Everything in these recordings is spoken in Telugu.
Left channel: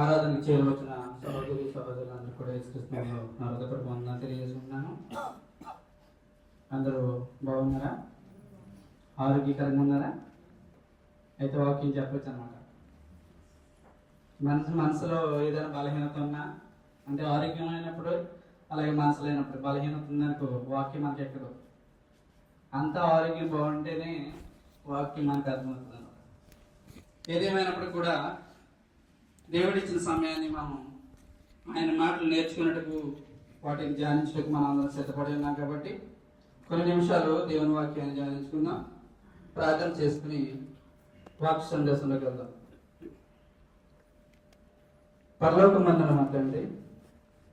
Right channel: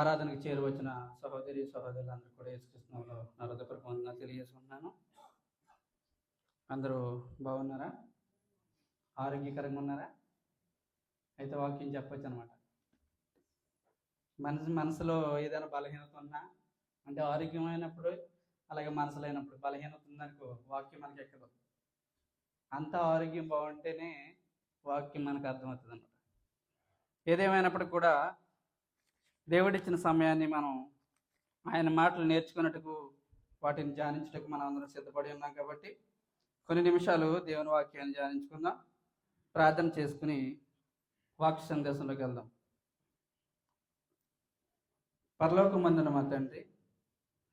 ఆరాధనకి చేరువచ్చిన సహోదరి సహోదరులందరూ కూడా యేసుక్రీస్తునామములో నా హృదయపూర్వక వందనాలు తెలియజేసుకుంటున్నాను. అందరూ బాగున్నారా? ఆరోగ్యకరంగా ఉన్నారా? అయితే వాక్యం చెప్పచ్చు అనమాట. మనసులో ఏదైనా బలహీనత ఉన్నా, అంటే ఆరోగ్యం లేనప్పుడు అలాగే మనసు లేనప్పుడు బలహీనత ఉందనుకో వాక్యం మనకి ఎక్కదు. అంత ఆరోగ్యం బాగుంటేనే వాక్యం మనకు అర్థమవుతుంది అనమాట. ఏదేమైనప్పటికీ కూడా దేవుడిచ్చిన సమయాన్ని మనం ఆయన మాటలు నేర్చుకున్నట్టుకు వాటిని ధ్యానించడానికి మనం అందరం సిద్ధపడి ఉన్నాం. కాబట్టి కొన్ని నిమిషాలు దేవుని వాక్యాన్ని ధ్యానించుకుందాం, ప్రార్థన చేసుకుని వాక్య సందేశంలోకి వెళ్దాం. పరలోకమందున మా తండ్రి,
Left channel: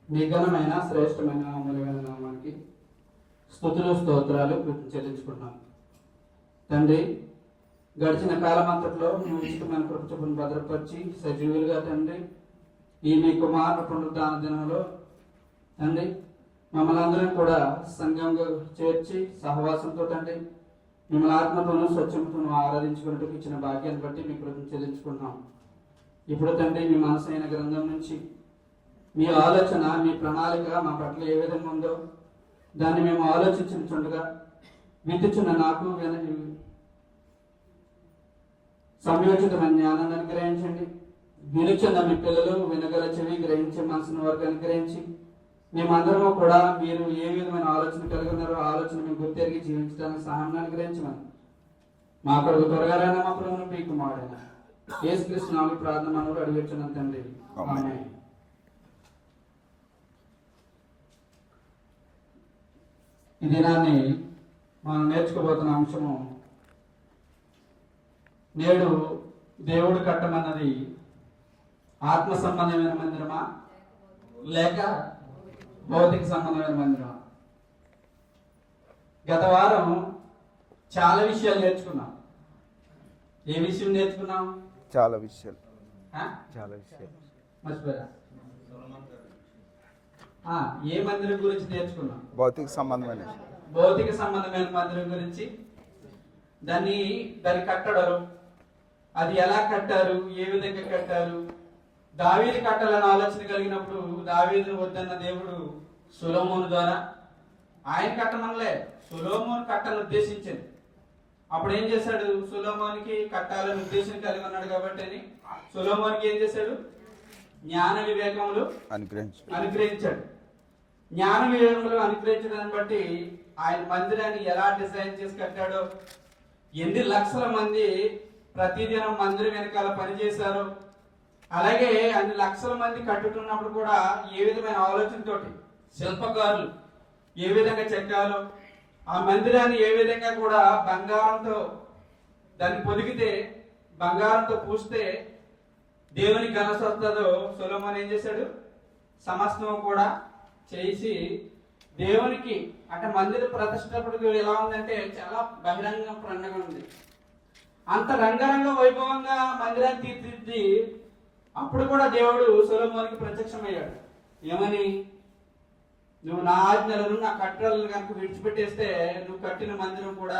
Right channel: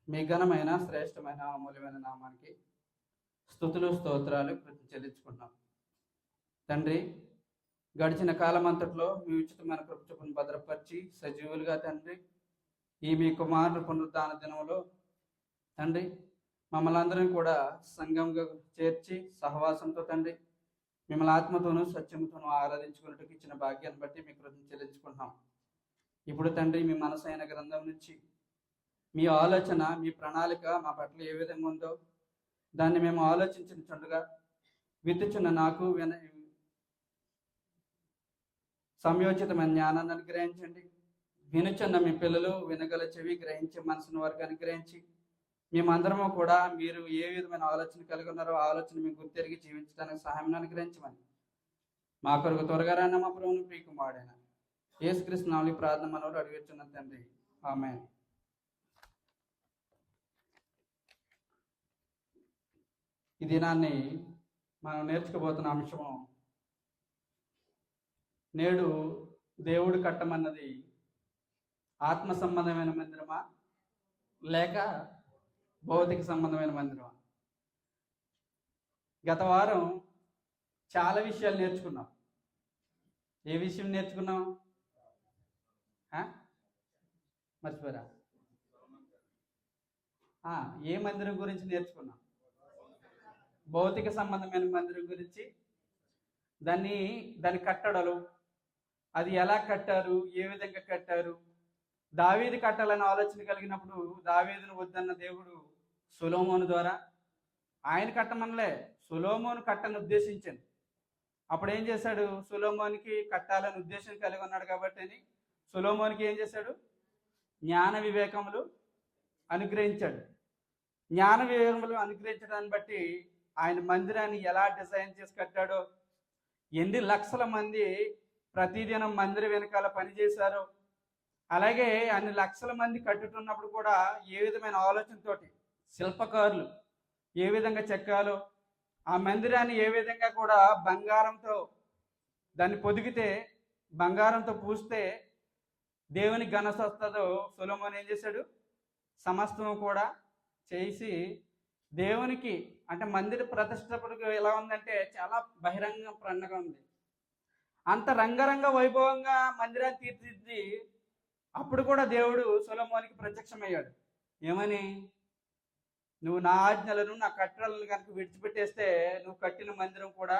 మీ ఘనమైన శ్రేష్టమైన అమూల్యమైన నామానికి స్తుతులు స్తోత్రాలు చెల్లించుకుంటున్నాం. తండ్రి, గడిచిన కాలమంతట్లో మీ ఇష్టమైన కృపను భద్రపరిచి సజీవులుగా తండ్రి ఈ మీ కుమార పునరుద్ధాన దినంలో తండ్రి మమ్మల్ని అందరం కూడా సంఘంగా చేర్చి సహవాసంతో తండ్రి మిమ్మల్ని ఆత్మతోనూ స్వచ్ఛతను ఆరాధించుకున్నట్టుకు ఇచ్చిన భాగ్యాన్ని బట్టి మీ కృపను చెల్లించుకుంటున్నాం. ఇప్పుడు తండ్రి మీ మనసైన గ్రంథం నుంచి మీ ఆలోచన, మీ ప్రణాళిక మా పట్ల ఏ విధంగా ఉందో దాన్ని మేము ఆలోచించుండగా విద్యుచున్న నాకు సంయోచితమైన జ్ఞానాన్ని అనుగ్రహించండి. వినుచున్న మీ పిల్లలు వినగల చెవి గ్రహించే మనసును వారికి అనుగ్రహించి మేమందరము కూడా మీరు ఏ విధమైన ఆలోచన కలిగి ఉన్నారో ఆలోచన మేము గుర్తెరిగి జీవించడానికి సహాయం అనుగ్రహించమని మా కొరకు త్వరగా మా ప్రభువును మీ కుమారుడైన యేసుక్రీస్తు నామములో ప్రార్థన అడుగుచున్నాం తండ్రి, ఆమేన్. ఈ దినాన్ని మనం నేర్చుకోబోతున్న అంశము, నేడు దేవుడు కట్టమన్నది ఆత్మ సంబంధమైన మందిరమా లేక భౌతిక సంబంధమైన మందిరమా? గత వారం చాలా విషయాలు నేర్చుకున్నాం. ఏ విషయం నేర్చుకున్నాం? చాలా విషయాలు మర్చిపోయారా? ఏ మందిరం గురించి నేర్చుకున్నాం? భౌతిక సంబంధమైన మందిరం గురించి. దాని కట్టడం, అది ఎలా కట్టారు, ఏ విధంగా కట్టారు. దావీదు కట్టాలని ఆలోచన కలిగినప్పుడు దావీదును వద్దన్న దేవుడు సొలొమోను ద్వారా, ఆయన కట్టమనలే, సొలొమోను కట్టని ఉద్దేశించింది. అప్పుడు ఏం చేశాడు? సొలొమోనుకి కట్టాలని ఉద్దేశం కలిగి ఉన్నాడు కాబట్టి అని సొలొమోనుకి ఏం చేశాడు? జ్ఞాన వివేకములు అనుగ్రహించాడు. జ్ఞాన వివేకములు అనుగ్రహించడాన్ని బట్టి ఆయన మందిరాన్ని ఎలా డిజైన్ చేసి కట్టాడో, ఎన్ని లక్షల మంది ప్రతిదినం మందిరం వెనకాల పనిచేశారు, అలాగే అన్ని లక్షల మంది కట్టుకున్నప్పుడు కూడా ఏ విధమైన ఆలోచనతోటి శిల్పకారులు ఏ విధంగా చెక్కాలో, ఆ మందిరాన్ని ఏ విధంగా కూడా బంగారంతో దాన్ని పొదిగితే, బంగారంతో పూస్తే దేవుని ఘనత వస్తుందో సొలొమోను ఏం చేశాడు? సమస్తం కూడా చేసి దేవునికి, అంటే మందిర ప్రతిష్టప్పుడు ఎలా ఉందంటే చాలా బహిరంగ పండుగ ఉంది. అంత రంగరంగ వైభవంగా మందిరాన్ని తీర్చిదిద్ది అప్పుడు కూడా దేవుడు సొలొమోనుకి ప్రత్యక్షమయ్యాడు. ఏమని? నువ్వు నా ఆజ్ఞలను, నా కట్టడలను కనుక విడిచిపెట్టేస్తే నువ్వు కట్టిన మందిరం కూడా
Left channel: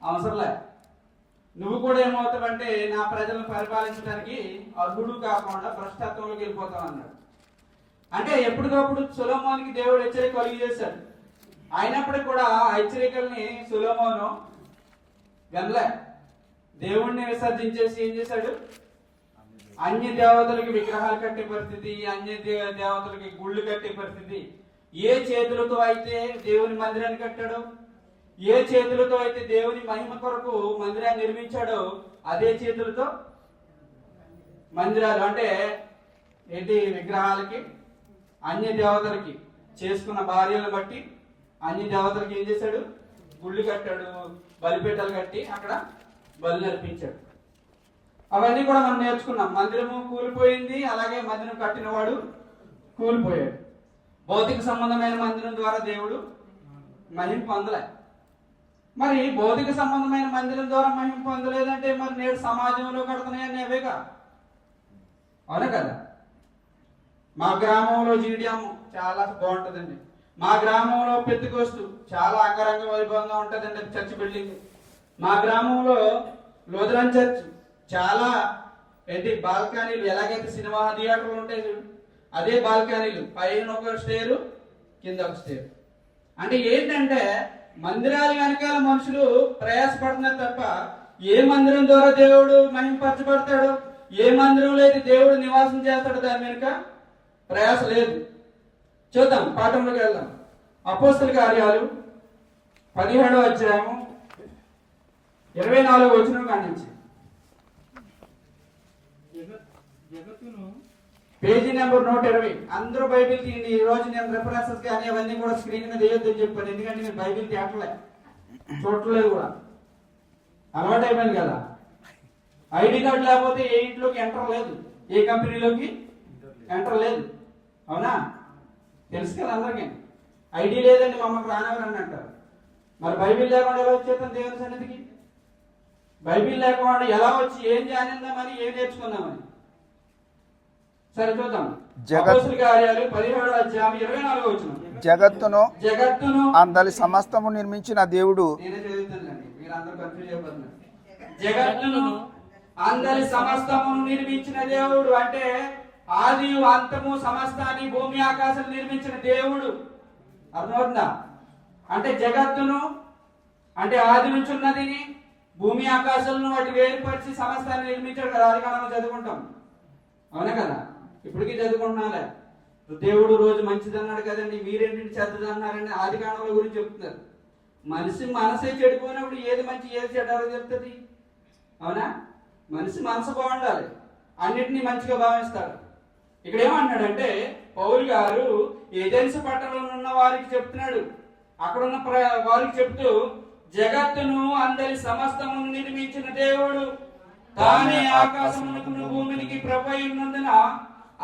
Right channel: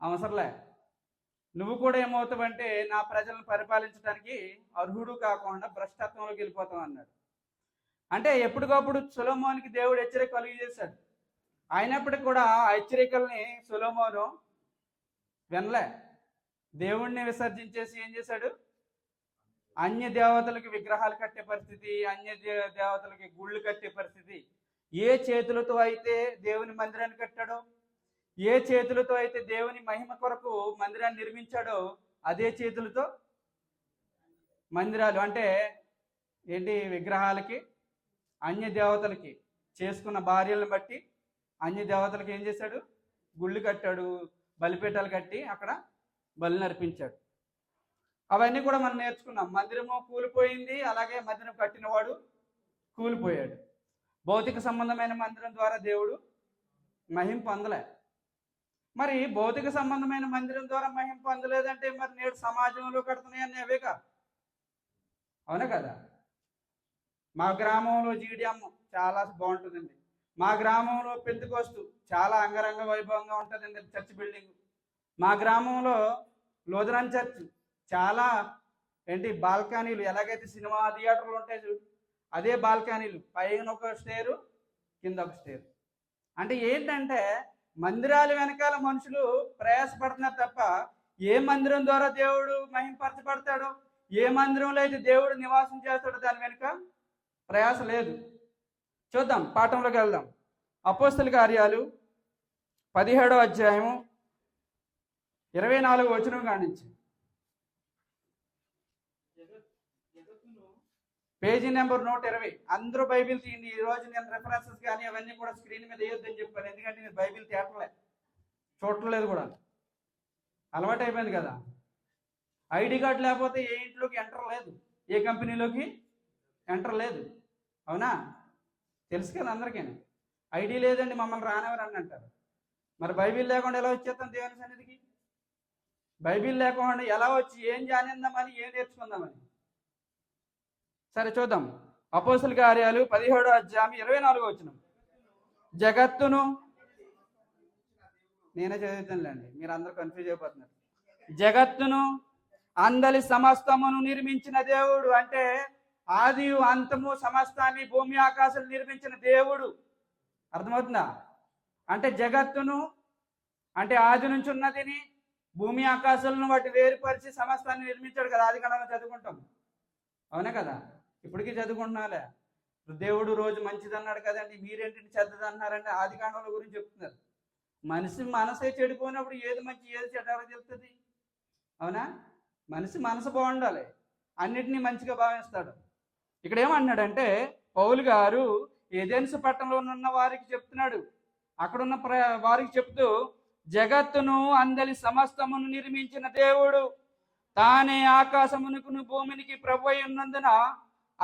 అవసరంలే. నువ్వు కూడా ఏమవుతావంటే నా ప్రజలను పరిపాలించడానికి అర్హుడు కాకుండా భ్రష్టత్వంలోకి వెళ్ళిపోతావు అన్నాడు. అంటే ఎప్పటికప్పుడు సొలొమోనుకి దేవుడు హెచ్చరిక కలిగజేశాడు. అయినప్పటికీ కూడా ఆ హెచ్చరికల్ని సొలొమోను వినలే. దేవుణ్ణి విసర్జించేసి ఏం చేశాడు? అన్య దేవతలకి విగ్రహాలు కట్టే పరిస్థితి, అన్య దేవతలకి గుళ్ళు కట్టే పరిస్థితి. ఏ చేతులతో అయితే దేవుని మందిరాన్ని కట్టాడో, ఏ చేతులతో అయితే దేవుని మహిమ కొరకు మందిరాన్ని నిర్మించాడో, అదే చేతులతో మందిరాలు, అంటే ఏంటి, విగ్రహాలకి, అన్య దేవతలకి చేసుకున్న భార్యలను బట్టి అన్య దేవతలకి ఏం చేశాడు? గుళ్ళు కట్టాడు, బలిపీఠాలు కట్టి అక్కడ బలి నర్పించాడు. అవన్నీ కూడా మనం నేర్చుకున్నాం. మందిరము కూలిపోయింది, అలాగే మందిరం కట్టినవాడు కూలిపోయాడు. భౌతిక సంబంధమైన మందిరం ద్వారా దేవుడు మహిమ పొందలే. మరి భౌతిక సంబంధమైన మందిరం ద్వారా మహిమ పొందలేదంటే మరి నేడు సమాజంలో కడుతున్నాయని అవేగా, అవునా కదా? మా గ్రామంలో జీడియం చాలా బాగుంటుందండి. మా గ్రామంలో పెద్దకోస్తు చాలా అంగరంగ వైభవంగా ఉంటుందండి చర్చ్ బిల్డింగ్. మా గ్రామంలో లూథరన్ చర్చ్ చాలా ఏంటి బాల్కనీలు, ఎలాగైతే సినిమా థియేటర్లు ఉంటాయి చూడు, అదే బాల్కనీలు, పైన ఒక స్టేరు, కింద ఒక స్టేరు. అంటే ఏంటంటే మందిరాల వెనకాల మనుషులు ప్రయాసపడుతున్నారు తప్ప ఏ మందిరం ద్వారా దేవుడు మహింపరచబడతాడు, ఏ మందిరంలో అయితే దేవుడు నివాసం చేస్తాడు దాని వెనుక ప్రయాస లేదు. చూద్దాం, పాఠంలోకి వెళ్దాం. అపోస్తల కార్యాలు 17వ అధ్యాయం 24వ వచనం కానించి, పేజీ నెంబర్ 120. అందరూ బైబిల్ తీయండి. ఈ రోజు నేను రెఫరెన్సెస్ కానీ అవన్నీ కూడా స్క్రీన్ మీద వేయొద్దని చెప్పాను, ఎందుకంటే నేను బైబిల్ తేటలే, చూడలేదు కూడా, అలవాటు అయిపోయింది కదా. ఐడి కార్డు లేకపోతే ఏ ఇంట్లోకి ఎంటర్ లేదు, ఏ కంపెనీలోకి ఎంటర్ లేదు. అవునా? తెలుసు కదా అందరికీ. ఐడి లేదండి మమ్మల్ని రానివ్వరు అని అంటారు. మరి బైబిల్ లేకుండా ఎలా వచ్చేస్తాం దేవుని సన్నిధికి? బైబిల్ లేకుండా ఎలా వచ్చి ఏం జానిందామని, ఏం నేర్చుకుందామని? సరే చూద్దాం. అపోస్తల కార్యాలు 17వ అధ్యాయం 24వ వచనం. జగత్తును అందరి సమస్తము నిర్మించిన దేవుడు. నేనే చదువుతానులేండి, మీరు అందరూ కన్ఫ్యూజ్ అయిపోతున్నారు. జగత్తును అందరి సమస్తమును నిర్మించిన దేవుడు అంటే ఆది అంతము సమస్తాన్ని, భూమి ఆకాశం నిర్మించిన దేవుడు. అర్థమవుతుందా? అంటే జగత్తును అంటే ఆది నుంచి ఉన్నదిని, భూమి ఆకాశాలను వాటి వేరుపరిచి సమస్తాన్ని నిర్మించాడు కదా. ఆది కాలంలో చదువుకుంటాం, అవునా కదా? ఇప్పటికీ చదువుకుంటున్నాలే. దేవుడు రోజు మంచిది అన్నాడు కదండి, మీరేంటి చెడ్డది అన్నారండి. ఆది కాలంలో గురించి చెప్తున్నారు. మనిషి మనసే చెడిపోయినప్పుడు ఏది మంచి ఏది చెడ్డ చెప్తుంది? అవునా? మనిషి మనసు బాగుండాలి, అన్నిటినీ మంచిగా భావిస్తాడు. ఇక్కడ ఏమన్నాడంటే పౌలు గారు ఏథెన్స్ పట్టణంలో ఉన్న వారికి చెప్తున్నాడు, అక్కడున్న వారికి చెప్తూ, జగత్తును అందరి సమస్తమును నిర్మించిన దేవుడు తానే ఆకాశమునకును భూమికి ప్రభువై ఉన్నందున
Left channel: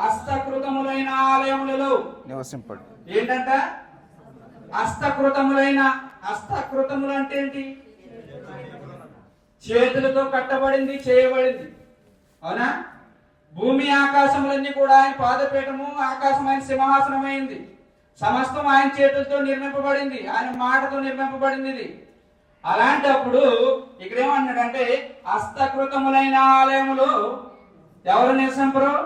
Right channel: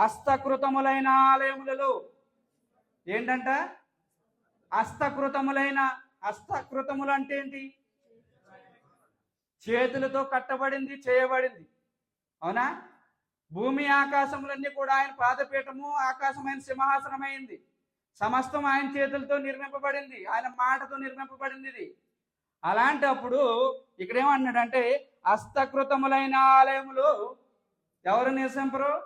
హస్తకృతములైన ఆలయములలో నివసింపడు. ఏంటంట? హస్తకృతములైన, హస్తకృతములు అంటే ఏంటి? చేతులతో కట్టబడింది, చేయబడింది. అవునా? భూమి ఆకాశములన్నీ కూడా ఆయన పాదపీఠము, ఆకాశం ఆయన సింహాసనమైంది. సమస్తం ఆయన చేతులతో నిర్మింపబడింది, ఆయన మాటతో నిర్మింపబడింది ఇది. అలాంటప్పుడు ఇక్కడ ఏమన్నాడంటే హస్తకృతములైన ఆలయములు ఎవరు నివసింపరు?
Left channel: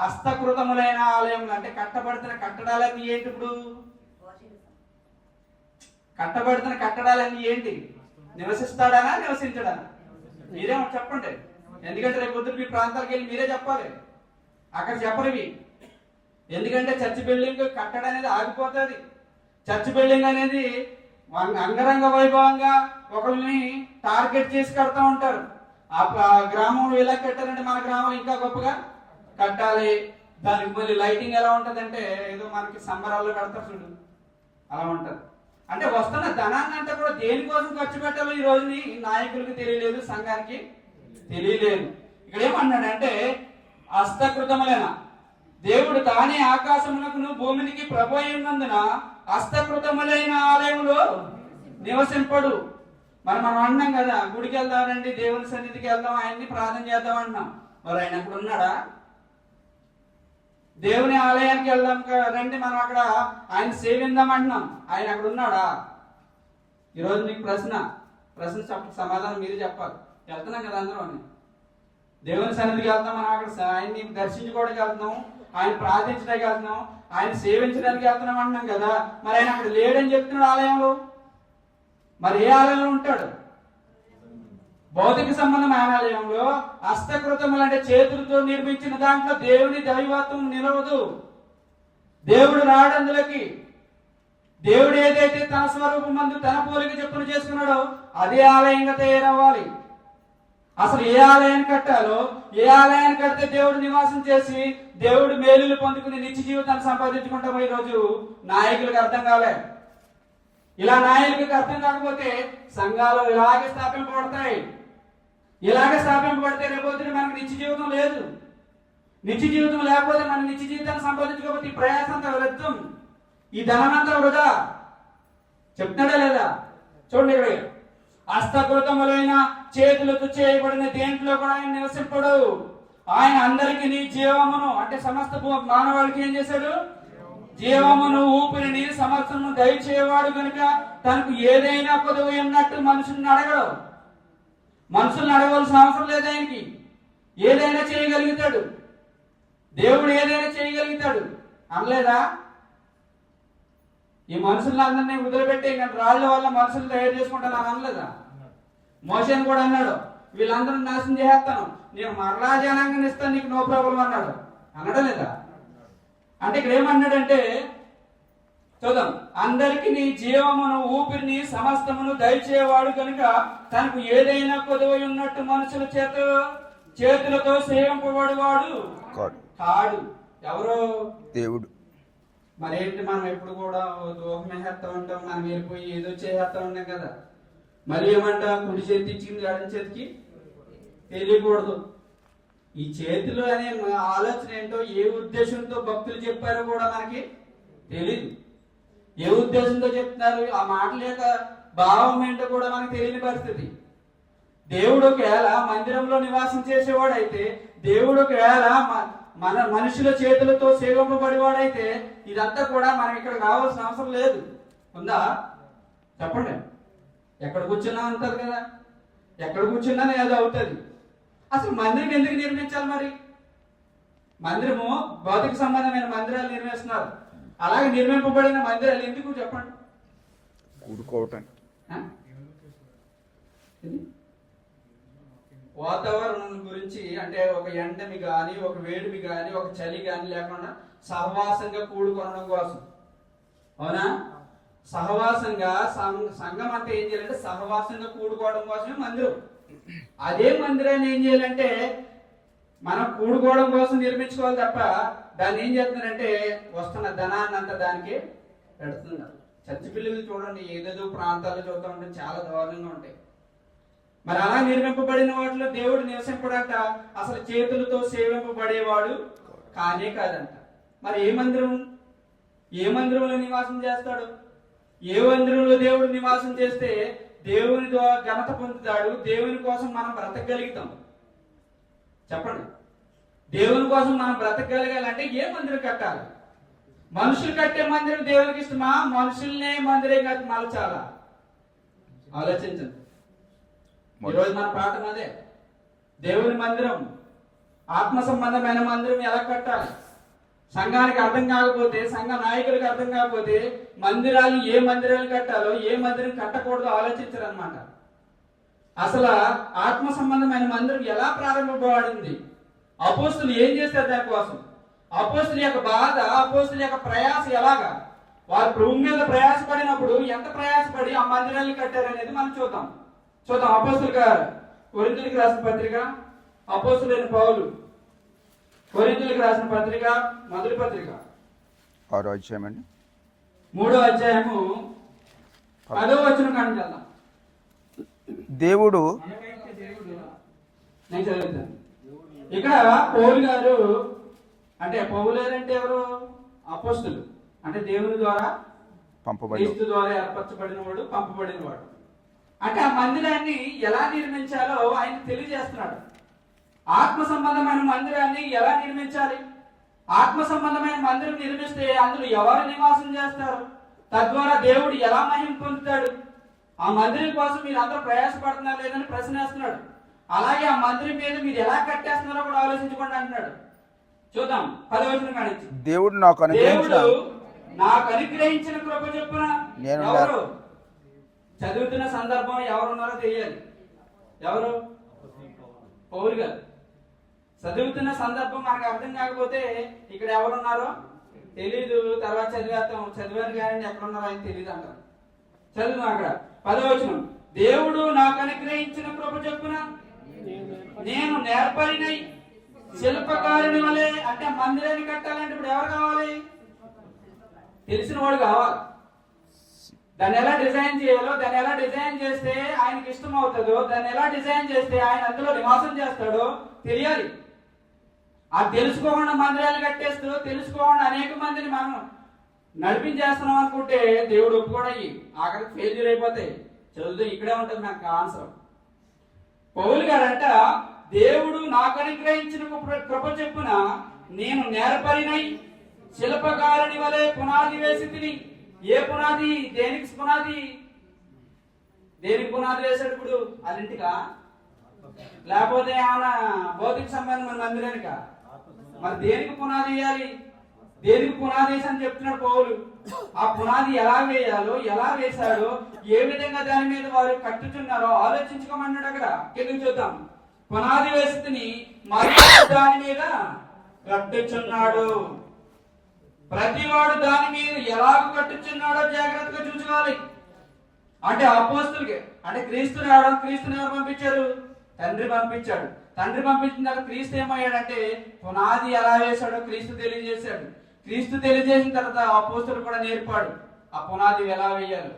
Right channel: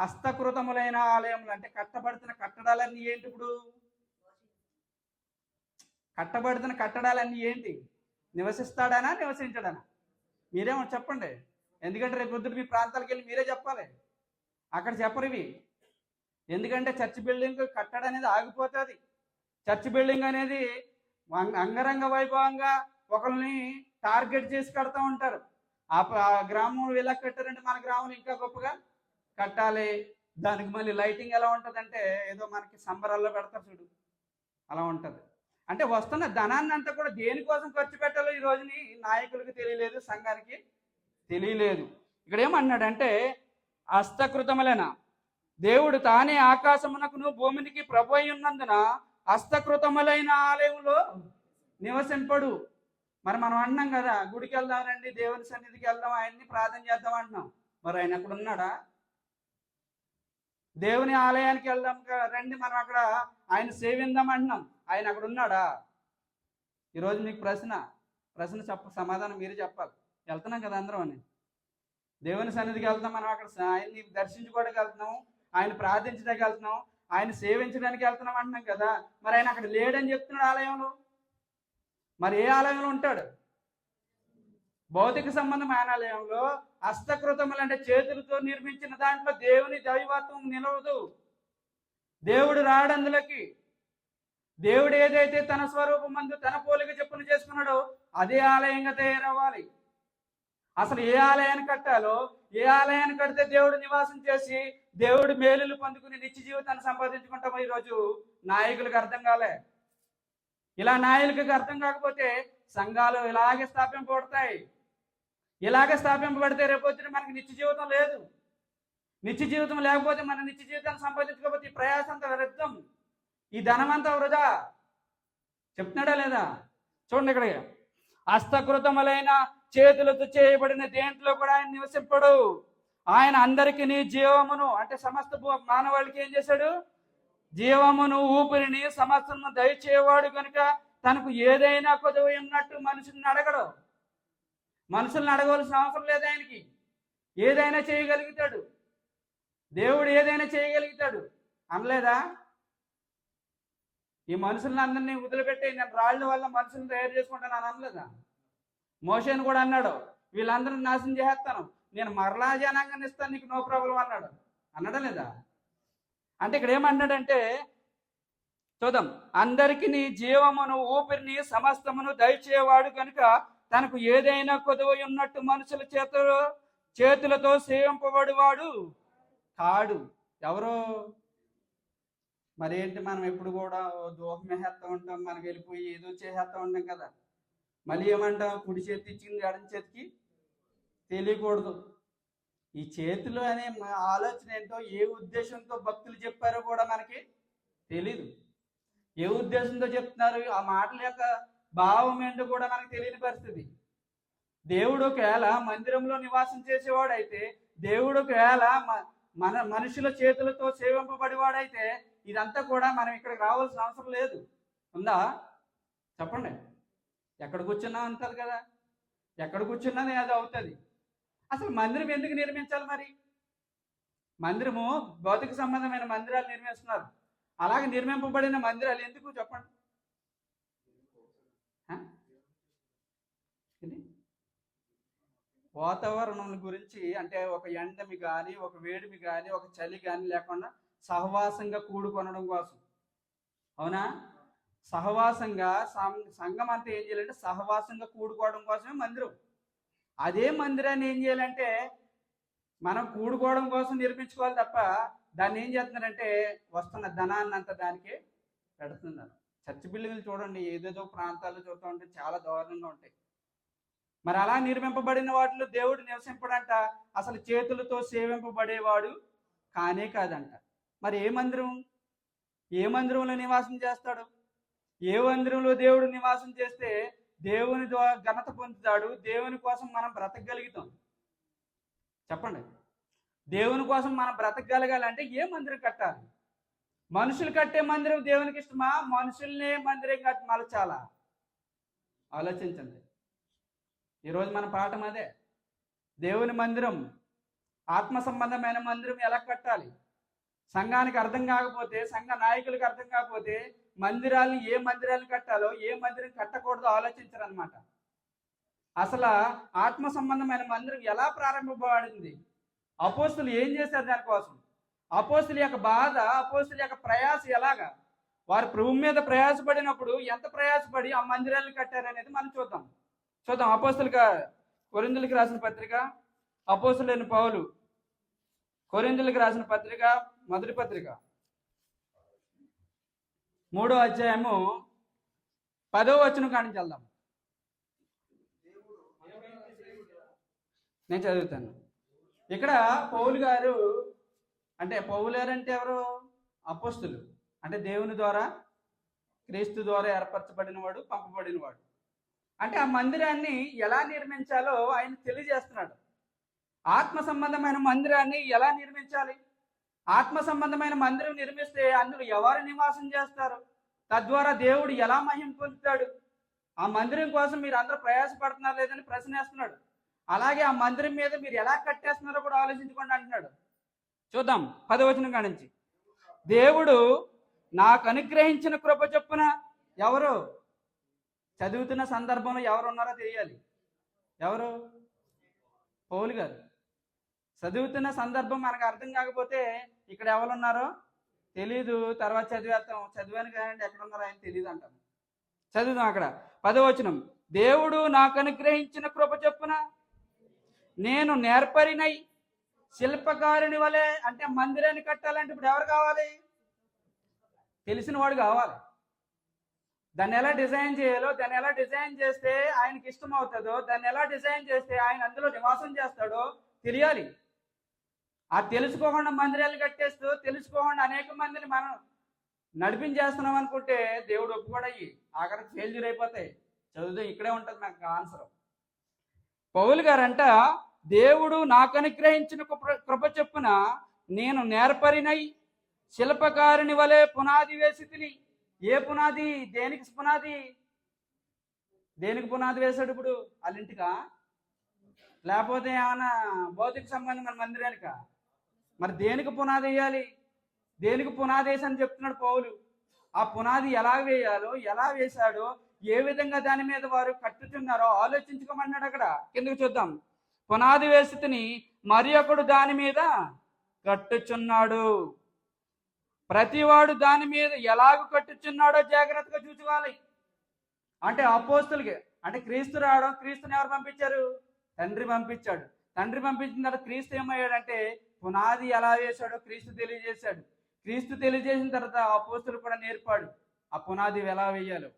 హస్తకృతములైన ఆలయములు అంటే కట్టబడుతున్న కట్టడాలన్నీ ఏంటి? ఇప్పుడు కట్టబడుతున్న కట్టడాలన్నీ ఏంటి? నివసిస్తాడానా, నివసించడానా? మీరేమో చెప్పండి. ఎందుకంటే రేపు పొద్దున మీ ప్రాంతాలకు వెళ్ళి మీరే చెప్పాలి, అక్కడ చెప్పరు ఇవి. ఎందుకంటే చర్చ్ బిల్డింగ్ కట్టడం అనేది ఆగిపోతుంది. చర్చ్ బిల్డింగ్ అనేది అంగరంగ వైభవంగా ఒకరిని టార్గెట్ చేసి కడతా ఉంటారు. ఆ గ్రామంలో ఎలా కట్టారంటే మన గ్రామంలో ఇంకా గొప్పగా కట్టాలి. దానికి మళ్ళీ లైటింగ్ ఎలా ఉంటుందంటే ఏదో మనకి సంబరాల్లో కడతారు చూడు, అలా ఉంటుంది. అంటే వస్తున్న ధనాన్ని అంతా కూడా దేనికోసం ఖర్చు పెట్టాలో ఈ రోజుని నాయకులకి తెలియలేదు, సంఘానికి తెలియలేదు. ఇక్కడ ఏమన్నాడంటే హస్తకృతములైన దేవుడు తానే ఆకాశమునకును భూమికి ప్రభు అయి ఉన్నందున హస్తకృతములైన ఆలయంలో నివసింపడు. మనం అన్నాం కదా, గుడికి వెళ్దామండి, దేవుని సన్నిధికి వెళ్దాం, ఆయన్ని ప్రార్థన చేద్దాం అంటున్నాం. మరి ఆయన అక్కడ ఉన్నాడా? దేవుని ఆలయానికి వెళ్దాం రండి, మనం అక్కడ ఆయన సేవిద్దాం అంటున్నాం, ఆయన అక్కడ ఉన్నాడా? ఈరోజు మీకు ప్రశ్న సమాధానం మీరే చెప్పాలి. వెళ్తున్నాం కదా అందరం అని, దేవుని సన్నిధికి వెళ్తాం, మనం అక్కడ ఆయన్ని దర్శించుకోవడానికి వెళ్తున్నాం, ఆయన ప్రార్థించడానికి వెళ్తున్నాం, ఆయన సేవించడానికి వెళ్తున్నాం అంటున్నాం కదా. మరి ఆయన అక్కడ లేడని చెప్తున్నాడు ఆలయంలో. మరి ఏ ఆలయంలో ఉంటాడు? భౌతిక సంబంధమైన ఆలయంలో. హస్తకృతములు అంటే చేతులతో నిర్మించిన దాంట్లో దేవుని దైవత్వం నిలవదు. దేవుడు రాడు అందులోకి. దేవుడు ఏదైతే తన స్వరూపం మందు తన పోలిక చెప్పును చేసుకున్నాడో అదే ఆలయంగా తయారవ్వాలి. అసలు ఏ ఆలయాన్ని కట్టాలో, ఏ ఆలయాన్ని కడితే దేవుడు నివాసం చేసి దేవుడు మేలులు పొందుకుని నిత్య జీవితాన్ని సంపాదించుకుంటామో ఈరోజు నాయకులకు అర్థం కాలే. ఇలా నాయకులకు అర్థం కాకపోతే సంఘాలు ఇలాగే స్థాపింపబడతాయి. ఇలాగే స్థాపింపబడితే రేపొద్దున మనకు నిత్య జీవితం లేదు. నిత్య జీవితం లేకపోతే మనం నిత్య జీవితాన్ని సంపాదించుకోకపోతే ఈ ప్రయాసం అంతా వ్యర్థం, ఈ ధనమంతా వృధా. చెప్తున్నాడా లేదా? చూడండి ఇక్కడ, హస్తకృతములైన చేతులతో చేయబడిన దేంట్లో కూడా ఆయన నివసింపడు. ఆయన అందరికీ జీవమును అంటే సమస్త మానవాళికి ఏం చేశాడు? జీవమును ఊపిరిని సమర్థను దయచేవాడు కనుక తనకు ఏదైనా కొదువు ఉన్నట్టు మనుషుల్ని అడగడు. మనుషుల్ని అడగవలసిన అవసరం లేదు ఆయనకి. ఏదైనా చేయగలుగుతాడు, దేవుడు ఏదైనా చేయగలుగుతాడు అనలేదా? ఈ మనుషులందరినీ వదిలిపెట్టి నేను రాళ్ళ వల్ల మనుషులు తయారు చేసుకుంటాను అని అనలేదా? మోషేని కూడా అన్నాడు, వీళ్ళందరూ నాశనం చేసేస్తాను, నేను మరలా జనాంగాన్ని ఇస్తాను, నీకు నో ప్రాబ్లం అన్నాడు. అనడం లేదా? అంటే ఇక్కడ ఏమన్నాడంటే, చూద్దాం, అందరికి నీ జీవమును ఊపిరిని సమస్తమును దయచేవాడు కనుక తనకు ఏదైనా కొదువై ఉన్నట్టు మనుషుల చేతులతో సేవింపబడివాడు కాడు. ఎవరు? దేవుడు. మరేంటి, మనం ఎప్పుడు కూడా దూహం వేసేస్తా ఉంటాం, మనం వెళ్ళిపోయి ఏదో చేసేస్తా ఉంటాం కదా. మళ్ళీ ఏమంటాం, కుడి చేతి ఇచ్చింది ఎడం చేతికి తెలియకూడదు. ఈ చేతిలో అనే ఆలోచన ఏంటో, ఏ ఉద్దేశంతో భక్తులు చెప్పారో కూడా మనకి తెలీదు. ఏ ఉద్దేశంతో చెప్తున్నారు, ఆ మాటల యొక్క భావం ఏంటో కూడా మనకు తెలియని పరిస్థితి. దేవుడు ఒకవేళ మందిరంలో నివాసం చేసేవాడైతే, దేవుడు ఒకవేళ మన మనుషుల చేతులతో సేవింపబడేవాడైతే, ఇదంతా కూడా మనం ఇక్కడ రావాల్సిన అవసరం లేదు. ఉందా? చెప్పండి. ఎక్కడ కూర్చున్నా అంటారు కదా, ఎక్కడ కూర్చున్నా ఏదో అవుతుంది. అసలు మందిరం ఎందుకు నిర్మించాలి? మరి మందిరము భౌతిక సంబంధమైన మందిరాలు నిర్మిస్తున్నారు, అలాగే నిర్మింపబడిన మందిరాలు ఎందుకు చెప్పండి? కూడుకోవటం. వాతావరణం గురించి, అంటే ఒక ఎండమి కానీ, ఒక వేడిమి కానీ, ఒక చలి కానీ లేకుండా సహవాసంగా కూడుకొనడం కోసం. అవునా? సహవాసంగా సంఘం అంతా ఏం చేయాలంటే సహవాసంగా కూడుకోవడం కోసమే మందిరం. అదే మందిరాన్ని ఏం చేయాలంటే మనం కూడుకోవడం కోసం నిర్మించుకోవాలి తప్ప, దాన్ని ఏం చేస్తున్నారంటే వస్తున్న ధనాన్ని అంతా దానికి పెడుతున్నారు. చర్చి పిల్లలు చూడండి, ఏదేదో ప్రాంతాల్లో చూస్తూ ఉంటే చాలా దారుణంగా ఉంటాయి. మరి అలా నిర్మింపబడిన వాటిలో దేవుడు నివసింపడంట, అసలు చేతులతో సేవింపబడేవాడు కానే కాదంట. మరి ఏ మందిరంలో నివాసం చేస్తాడు? ఏ మందిరంలో దేవుడు నివాసం చేస్తే దేవుని ద్వారా ఘనత పొందుతాడు, దేవుని కోసం మనం బ్రతకగలుగుతాం? చెప్పండి. దేవుని కోసం మనం బ్రతకగలగాలంటే ఏ మందిరం కట్టాలి? మనుషులు కట్టే మందిరం దేవునికి ఇష్టమా? మనుషుల్నే మందిరం కట్టి మలచాలా? ఆలోచించండి. ఈరోజు మన పాఠం అదే. దేవుని మందిరం, ఆత్మ సంబంధమైన మందిరం ఎలా కట్టాలి? సంఘానికి అర్థం కాకపోతే, సంఘ నాయకులకు అర్థం కాకపోతే మందిరాలు, ఏ మందిరాలు కట్టాలో ఏ మందిరం కట్టకూడదో ఆలోచించరు అనమాట. అసలు ఆత్మ సంబంధమైన మందిరం ఎలా ప్రారంభపడింది? అపోస్తులు ఏం చేస్తారు దానికోసం? అపోస్తుల యొక్క బాధ, అపోస్తుల యొక్క ప్రయాస ఎలాగా? వారు భూమి మీద ప్రయాసపడినప్పుడు ఎంత ప్రయాసపడి ఆ మందిరాన్ని కట్టారనేది మనం చూద్దాం. అపోస్తులుగా కొరింథీయులకు రాసిన పత్రిక, అపోస్తులైన పౌలు కొరింథీయులకు రాసిన పత్రిక, మొదటి పత్రిక 6వ అధ్యాయం అండి, 3వ అధ్యాయము 10వ వచనం కాడికి వెళ్దాం. దేవుడు, నేను చదువుతాను. ఇక్కడ పౌలు గారు అంటే, పౌలు గారు అంటే ఎవరు? అపోస్తులు అంటే దేవుని ద్వారా, క్రీస్తు ద్వారా ఏర్పరచబడిన వాడు, పంపబడిన వాడు. అంటే ఆ మందిరాన్ని ఎలా నిర్మించాలో ఆయన తెలియజేస్తున్నాడు. ఆత్మ సంబంధమైన మందిరాన్ని ఎలా నిర్మించాలి? ఆత్మ సంబంధమైన మందిరం నిర్మిస్తే అందులో ఎవరు నివాసం చేస్తారు? తద్వారా దేవుడు ఎలా మహిమ పొందుతాడు? ఆ మందిరం కోసం మీరు అందరూ ప్రయాసపడుతున్నారు లేదని ప్రశ్న వేస్తున్నాడు. అలాగే ఆ మందిరం మీద మీరు ఎలా కట్టేస్తున్నారో కూడా ఆలోచించుకోండి అంటున్నాడు. చూద్దాం 10వ వచనం కానించి. దేవుడు నాకు అనుగ్రహించిన కృప చొప్పున. ఎవరు చదువుతున్న సందర్భం ఎవరున్నారో తెలియాలి. ఎవరు? పౌలు గారు. చదువుతున్న సందర్భం మనకు అర్థం కాకపోతే ఇక్కడ ఎవరున్నారో తెలీదు, తర్వాత చదివారు కానీ ఎక్కడున్నారో ఆయన తెలియదు అంటారు. చదువుతాం అక్కడ 10వ వచనం. దేవుడు నాకు అనుగ్రహించిన కృప చొప్పున నేను నేర్పరినై శిల్పకారుని వలె. అంటే మందిరాన్ని కట్టాలంటే ఇప్పుడు ఎవరు కావాలి? తెలిసిన వాడు కావాలి. దాన్ని ఎలా డిజైన్ చేయాలో, దాన్ని ఎలా డిజైన్ చేస్తే ఆయనకి ఇష్టం అవుతుందో, దాన్ని ఎలా డిజైన్ చేస్తే ఆయన అందులో నివాసం చేస్తాడో తెలియాలి. అది తెలుసుకోకుండా మందిరాలు కట్టేస్తూ, తెలుసుకోకుండా అనేక మందిని మనం నడిపించేస్తున్నాం అనుకుంటే దేవుడు ఒప్పుకోడయి ఆఖరికి ఫెయిల్యూర్ అయిపోతాయి. చదువుతూ ఇక్కడే ఉంటుంది మనకు ఆన్సర్. పౌలు గారంట, దేవుడు నాకు అనుగ్రహించిన కృప చొప్పున నేను నేర్పరినై శిల్పకారుని వలె పునాది వేసి తిని. ఏ పునాది? దేనికి పునాది? దేనికి పునాది వేసాడు? ఇప్పుడు వాళ్ళింటికా? లేకపోతే ఏమన్నా భౌతిక సంబంధమైన మందిరానిక? మరి దేనికి పునాది వేయాలి? దేనికి పునాది వేసి అని చెప్తున్నాడు పౌలు. ఆ పునాది ఎలా వేయాలో, ఎలా వేశాడో, ఏ విధంగా దాని మీద వారు కట్టుతున్నారో ఆలోచించుకోమన్నాడు. అక్కడ కిందకి చూద్దాం. పునాది వేసుకుని మరి దాని మీద కట్టుచున్నాడు. ప్రతివాడు దాని మీద ఎలాగ కట్టుచున్నాడో జాగ్రత్తగా చూసుకోవాలి. అంటే అపోస్తలుకి, అంటే క్రీస్తు రావడం, క్రీస్తుని ఎవరు పంపించారు? తండ్రి పంపించాడు. తండ్రి పంపించిన తర్వాత క్రీస్తు ఏమయ్యాడంటే పునాది ఎలా వేశాడో క్రీస్తు తెలియజేశాడు. క్రీస్తు తెలియజేసిన తర్వాత అపోస్తలు కూడా నేర్పాడు ఆ పునాది ఎలా వేయాలో,